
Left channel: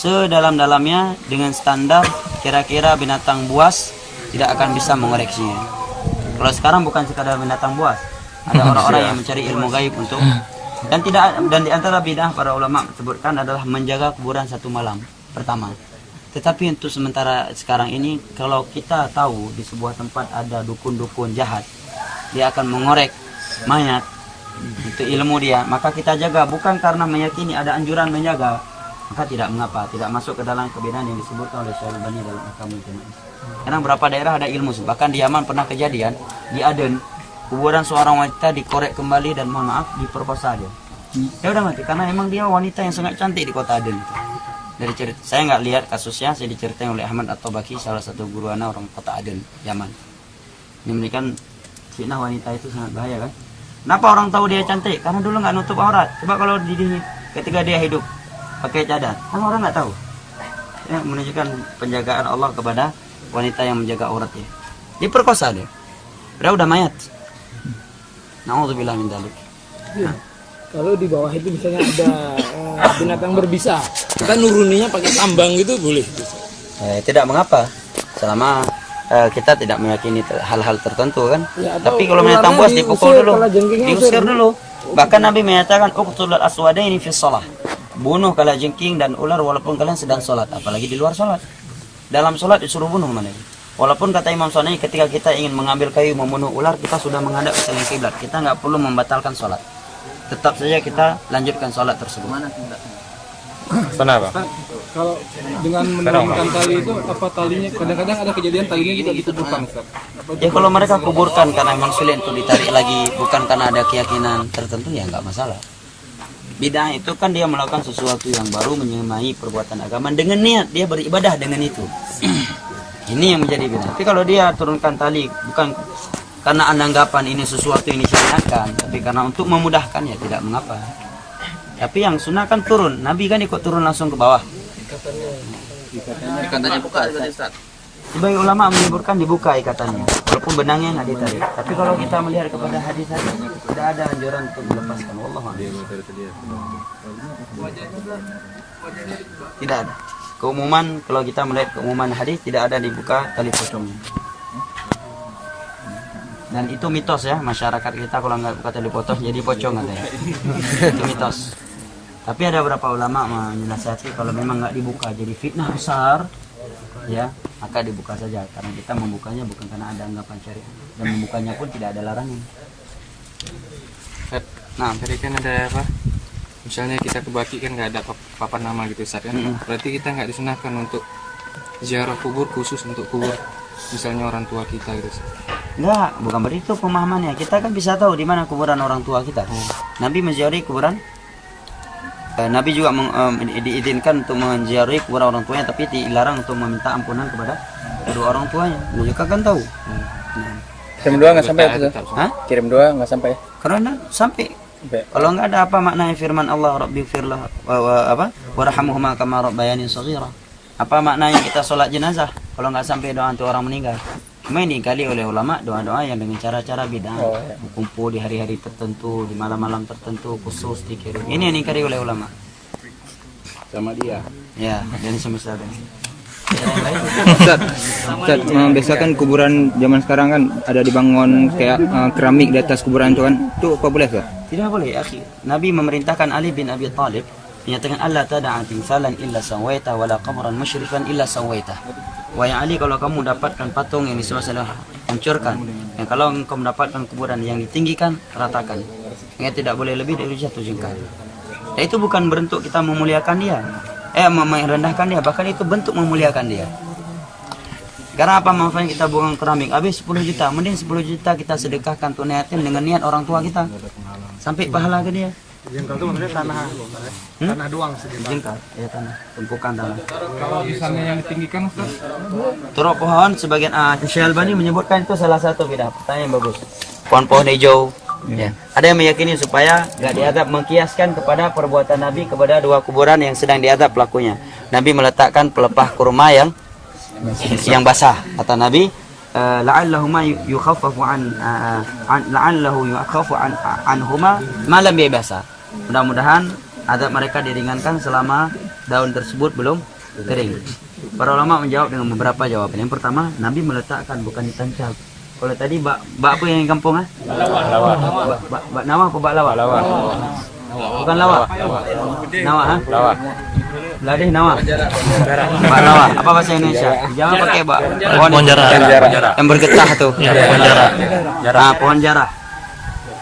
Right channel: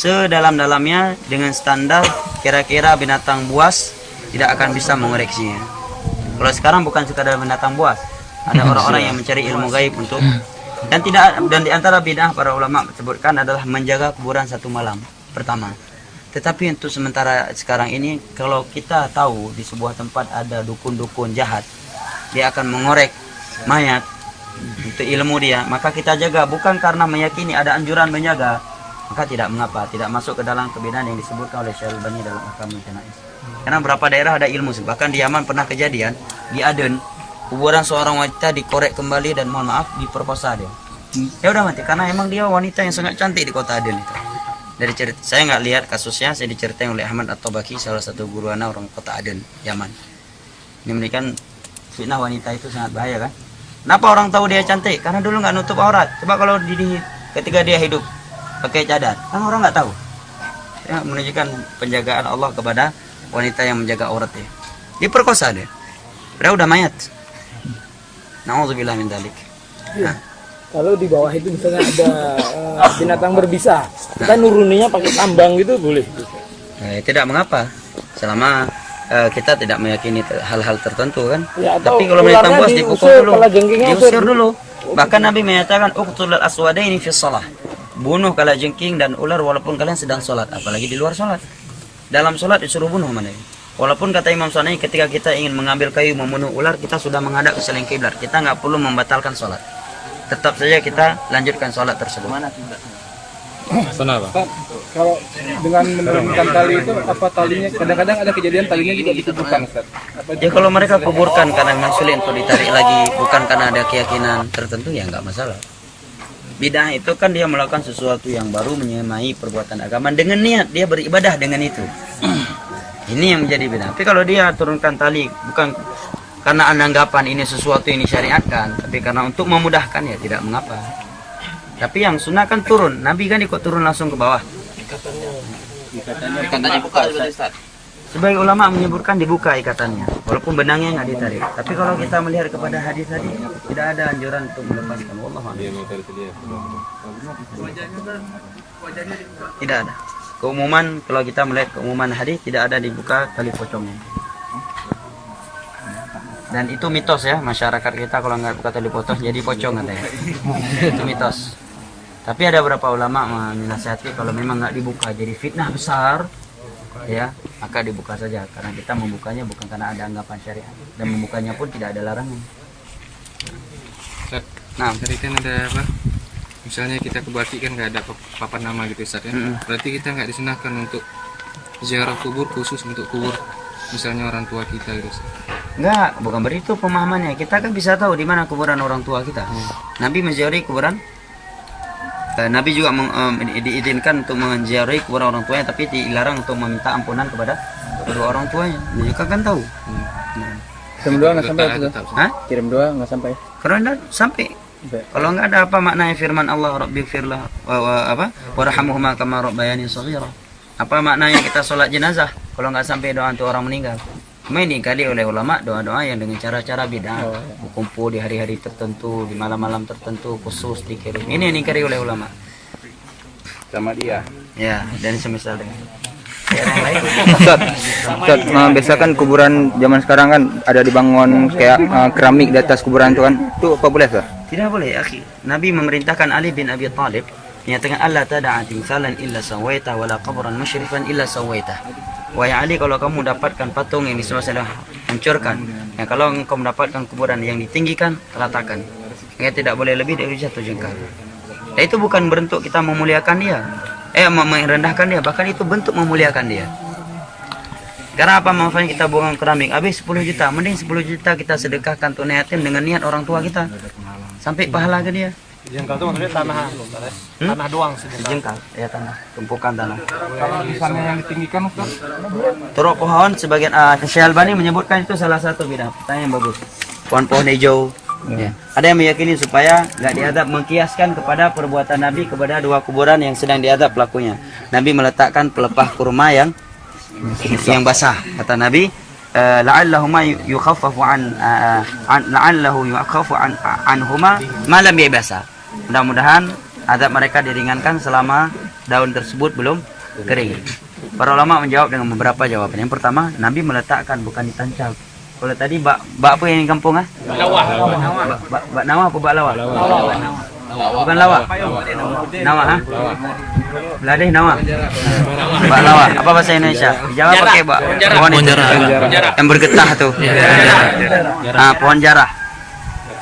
Sedalam-dalamnya dengan standar kira-kira binatang buas tidak akan bisa mengoreksinya. Kalau sekarang bukan sekadar binatang buas, ada orang-orang yang mencari ilmu gaib untuk dan di antara bid'ah para ulama sebutkan adalah menjaga kuburan satu malam pertama. Tetapi untuk sementara sekarang ini, kalau kita tahu di sebuah tempat ada dukun-dukun jahat, dia akan mengorek mayat untuk ilmu dia, maka kita jaga bukan karena meyakini ada anjuran menjaga, maka tidak mengapa, tidak masuk ke dalam kebid'ahan yang disebutkan oleh Syekh Al-Albani dalam Ahkamul Janaiz. Karena beberapa daerah ada ilmu, bahkan di Yaman pernah kejadian di Aden, kuburan seorang wanita dikorek kembali dan mohon maaf diperkosa dia. Ya udah mati karena emang dia wanita yang sangat cantik di kota Aden itu. Dari cerita saya nggak lihat kasusnya, saya diceritain oleh Ahmad At-Tabaki, salah satu guru anak orang kota Aden, Yaman. Ini memberikan fitnah wanita itu sangat bahaya kan? Kenapa orang tahu dia cantik? Karena dulu nggak nutup aurat. Coba kalau ketika dia hidup pakai cadar, kan orang nggak tahu. Ya, menunjukkan penjagaan Allah kepada wanita yang menjaga aurat dia. Diperkosa dia. Padahal udah mayat. Nauzubillah min dzalik. Nah. Kalau di bawah itu misalnya ada binatang berbisa, kita nuruninya pakai tambang gitu boleh? Tidak mengapa, selama kita tidak meyakini hal-hal tertentu kan. Ya, tapi kalau binatang buas dipukul dulu, diusir dulu. Bahkan Nabi menyatakan uqtulul aswadaini fi shalah. Bunuh kalajengking dan ular walaupun kalian sedang sholat, apalagi di luar sholat. Dalam sholat disuruh bunuh mana? Walaupun kata Imam Syafi'i ketika kita ingin mengambil kayu membunuh ular, kita sudah menghadap ke selain kiblat, kita nggak perlu membatalkan sholat. Tetap saja kita lanjutkan sholat tersebut. Mana kiblatnya? Kenapa? Kalau dengan menurunkan tali itu apa talinya? Kadang-kadang ada kejadian talinya juga dikuburkan, Ustaz. Ya kalau mereka kuburkan karena memang sulit untuk ditarik lagi, bukan karena ada keyakinan tertentu, ya nggak masalah. Bid'ah itu kan dia melakukan sesuatu yang baru, menyamai perbuatan agama dengan niat dia beribadah dengan itu. Ini yang menjadi bid'ah. Tapi kalau dia turunkan tali bukan karena anda anggapan ini sesuatu yang disyariatkan, tapi karena untuk memudahkan ya tidak mengapa. Tapi yang sunnah kan turun, Nabi kan ikut turun langsung ke bawah. Katanya buka seperti Ustaz. Sebagai ulama menyebutkan dibuka ikatannya, walaupun benangnya nggak ditarik. Tapi kalau kita melihat kepada hadis tadi, tidak ada anjuran untuk melepaskan. Wallahu a'lam. Tidak ada. Keumuman, kalau kita melihat keumuman hadis, tidak ada dibuka tali pocongnya. Dan itu mitos ya, masyarakat kita kalau nggak buka tali pocong jadi pocong katanya. Itu mitos. Tapi ada beberapa ulama menasihati kalau memang nggak dibuka jadi fitnah besar, ya maka dibuka saja, karena kita membukanya bukan karena ada anggapan syariat, dan membukanya pun tidak ada larangan. Nah, Tadi kan ada apa? Misalnya kita ke Baki kan nggak ada papan nama gitu Ustaz kan? Berarti kita nggak disunahkan untuk ziarah kubur khusus untuk kubur misalnya orang tua kita gitu Ustaz. enggak, bukan begitu pemahamannya. Kita kan bisa tahu di mana kuburan orang tua kita. Nabi menziarahi kuburan. Nabi juga diizinkan untuk menziarahi kuburan orang tuanya, tapi dilarang untuk meminta ampunan kepada kedua orang tuanya. Dia juga kan tahu. Kirim doa nggak sampai itu. Hah? Kirim doa nggak sampai. Karena sampai. Kalau nggak ada apa maknanya firman Allah Rabbighfirlah warhamhuma kama rabbayani shaghira. Apa maknanya kita sholat jenazah kalau nggak sampai doa untuk orang meninggal? Cuma ini kali oleh ulama doa-doa yang dengan cara-cara bid'ah, kumpul di hari-hari tertentu, di malam-malam tertentu khusus dikirim. Ini yang dikari oleh ulama. Sama dia. Ya, dan semisal dengan daerah yang lain. Ustaz, biasa kan kuburan zaman sekarang kan ada dibangun kayak keramik di atas kuburan itu kan. Itu apa boleh Ustaz? Tidak boleh, akhi. Nabi memerintahkan Ali bin Abi Thalib menyatakan Allah tada'a timsalan illa sawaita wala qabran musyrifan illa sawaita. Wahai Ali, kalau kamu dapatkan patung yang disuruh hancurkan, ya kalau engkau mendapatkan kuburan yang ditinggikan, ratakan. Ya tidak boleh lebih dari 1 jengkal. Ya, itu bukan bentuk kita memuliakan dia, merendahkan dia, bahkan itu bentuk memuliakan dia. Karena apa manfaatnya kita buang keramik? Habis 10 juta, mending 10 juta kita sedekahkan tunai yatim dengan niat orang tua kita. Sampai pahala ke dia. Jengkal itu maksudnya tanah doang Jengkal, ya tanah, tumpukan tanah. Kalau di sana yang ditinggikan Ustaz. Turuk pohon sebagian Syekh Albani menyebutkan itu salah satu bid'ah. Pertanyaan yang bagus. Pohon-pohon hijau. Ya. Ada yang meyakini supaya nggak diadab, mengkiaskan kepada perbuatan Nabi kepada 2 kuburan yang sedang diadab pelakunya. Nabi meletakkan pelepah kurma yang basah. Kata Nabi, la'allahuma yukhaffafu la'allahu yukhaffafu anhuma ma lam yabasa. Mudah-mudahan adab mereka diringankan selama daun tersebut belum kering. Para ulama menjawab dengan beberapa jawaban. Yang pertama, Nabi meletakkan bukan ditancap. Kalau tadi bak apa yang kampung Lawah. Bak nawa apa bak lawa? Bukan lawa. Nawa Beladih nawa. Bak lawa. Apa bahasa Indonesia? Dijawab pakai bak pohon jarah. Yang bergetah tuh. Pohon jarah.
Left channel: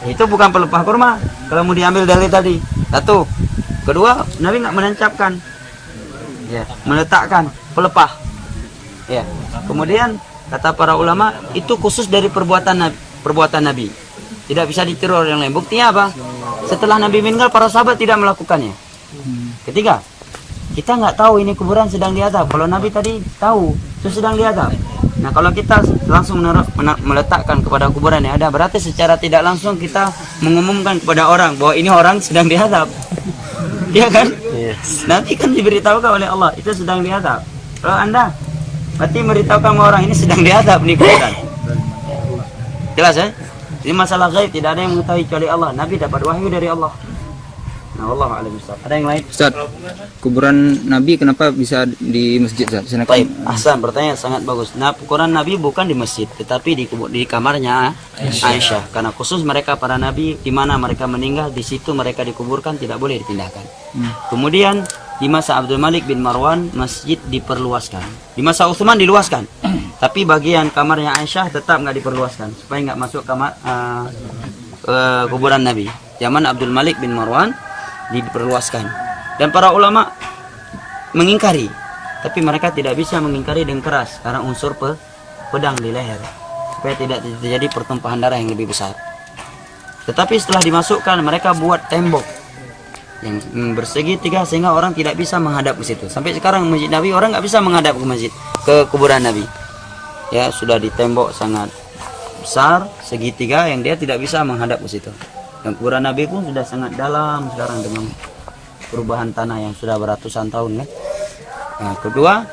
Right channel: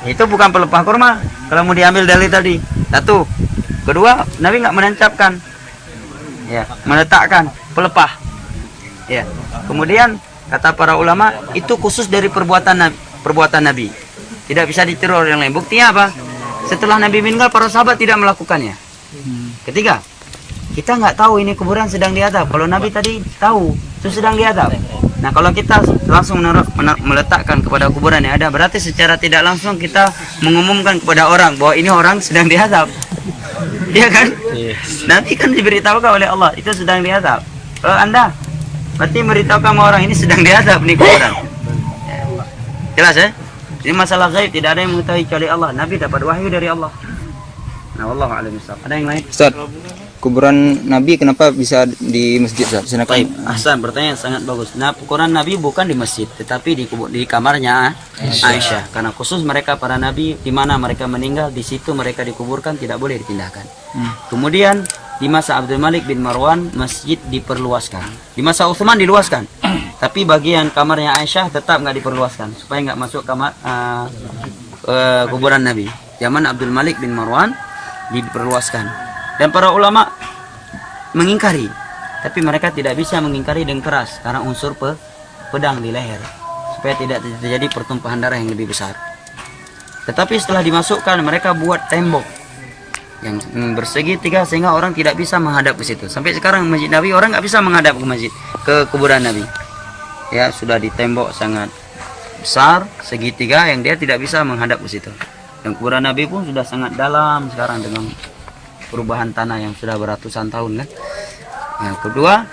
Itu bukan pelepah kurma. Kalau mau diambil dari tadi. 1. Kedua, Nabi nggak menancapkan. Ya, meletakkan pelepah. Ya. Kemudian kata para ulama itu khusus dari perbuatan Nabi. Tidak bisa ditiru orang lain. Buktinya apa? Setelah Nabi meninggal, para sahabat tidak melakukannya. Ketiga, kita nggak tahu ini kuburan sedang diadab. Kalau Nabi tadi tahu itu sedang diadab. Nah, kalau kita langsung meletakkan kepada kuburan yang ada, berarti secara tidak langsung kita mengumumkan kepada orang bahwa ini orang sedang diadab. Iya kan? Yes. Nanti kan diberitahukan oleh Allah itu sedang diadab. Kalau Anda berarti memberitahukan sama orang ini sedang diadab nih kuburan. Ya. Jelas ya? Ini masalah gaib, tidak ada yang mengetahui kecuali Allah. Nabi dapat wahyu dari Allah. Nah, wallahu a'lam bishawab. Ada yang lain? Ustaz, kuburan Nabi kenapa bisa di masjid Ustaz? Baik, Ahsan, pertanyaan sangat bagus. Nah, kuburan Nabi bukan di masjid, tetapi di kamarnya Aisyah. Karena khusus mereka para nabi di mana mereka meninggal, di situ mereka dikuburkan, tidak boleh dipindahkan. Kemudian di masa Abdul Malik bin Marwan masjid diperluaskan. Di masa Utsman diluaskan. Tapi bagian kamarnya Aisyah tetap nggak diperluaskan supaya nggak masuk kamar kuburan Nabi. Zaman Abdul Malik bin Marwan diperluaskan. Dan para ulama mengingkari, tapi mereka tidak bisa mengingkari dengan keras karena unsur pedang di leher supaya tidak terjadi pertumpahan darah yang lebih besar. Tetapi setelah dimasukkan, mereka buat tembok yang bersegi 3 sehingga orang tidak bisa menghadap ke situ. Sampai sekarang masjid Nabi orang nggak bisa menghadap ke masjid, ke kuburan Nabi. Ya, sudah ditembok sangat besar segitiga yang dia tidak bisa menghadap ke situ. Dan kuburan Nabi pun sudah sangat dalam sekarang dengan perubahan tanah yang sudah beratusan tahun kan. Nah, kedua,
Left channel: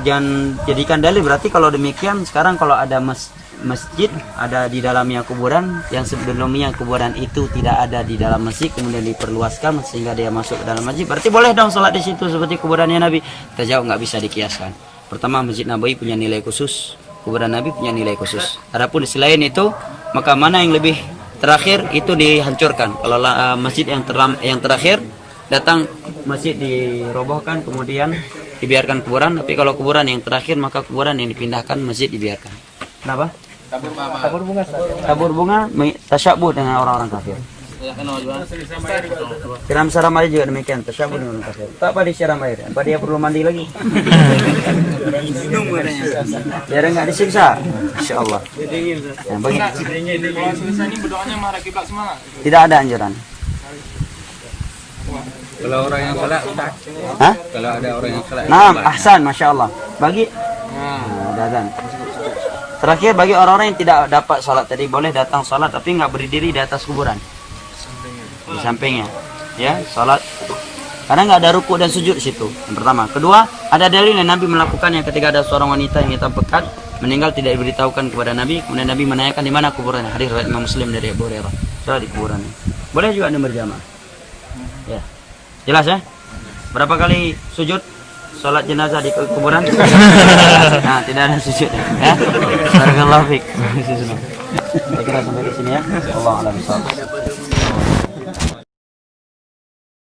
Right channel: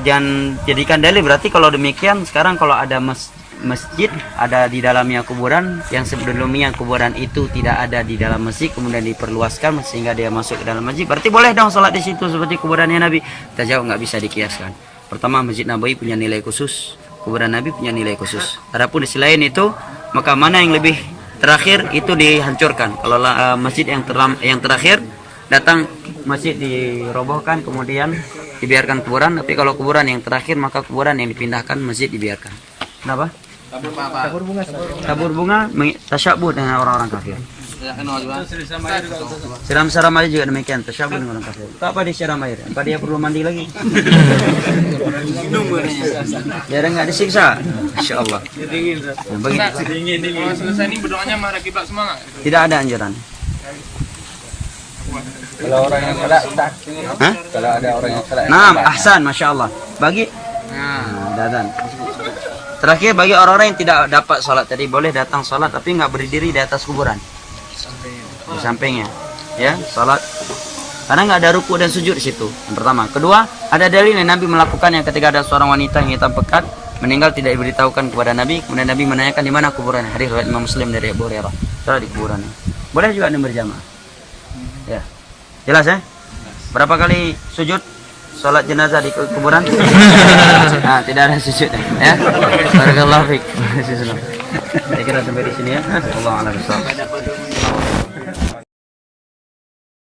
jangan jadikan dalil, berarti kalau demikian sekarang kalau ada masjid ada di dalamnya kuburan, yang sebelumnya kuburan itu tidak ada di dalam masjid kemudian diperluaskan sehingga dia masuk ke dalam masjid, berarti boleh dong sholat di situ seperti kuburannya Nabi? Kita jawab nggak bisa dikiaskan. Pertama, Masjid Nabawi punya nilai khusus, kuburan Nabi punya nilai khusus. Adapun di selain itu, maka mana yang lebih terakhir itu dihancurkan. Kalau masjid yang terakhir datang masjid dirobohkan kemudian dibiarkan kuburan, tapi kalau kuburan yang terakhir maka kuburan yang dipindahkan, masjid dibiarkan. Kenapa? Tabur bunga tasyabuh dengan orang-orang kafir. Siram-siram air juga demikian, tasyabuh dengan orang kafir. Tak apa disiram air, apa dia perlu mandi lagi? Biar enggak disiksa. Insyaallah. Ya, Kalau selesai ini berdoanya marah kiblat semua nggak? tidak ada anjuran. Kalau orang yang salah, Hah? kalau ada orang yang salah. Nah, ahsan, masya Allah. Bagi datang. Terakhir, bagi orang-orang yang tidak dapat sholat tadi, boleh datang sholat tapi nggak berdiri di atas kuburan, di sampingnya, ya sholat. Karena nggak ada ruku dan sujud di situ. Yang pertama. Kedua, ada dalil yang Nabi melakukan yang ketika ada seorang wanita yang hitam pekat meninggal tidak diberitahukan kepada Nabi, kemudian Nabi menanyakan di mana kuburannya. Hadis riwayat Imam Muslim dari Abu Hurairah. Sholat di kuburannya. Boleh juga Anda berjamaah. Ya, jelas ya. Berapa kali sujud sholat jenazah di kuburan? Nah, tidak ada sujudnya, ya. Barakallahu fiik. Saya kira sampai di sini ya. Allahu a'lam bishawab.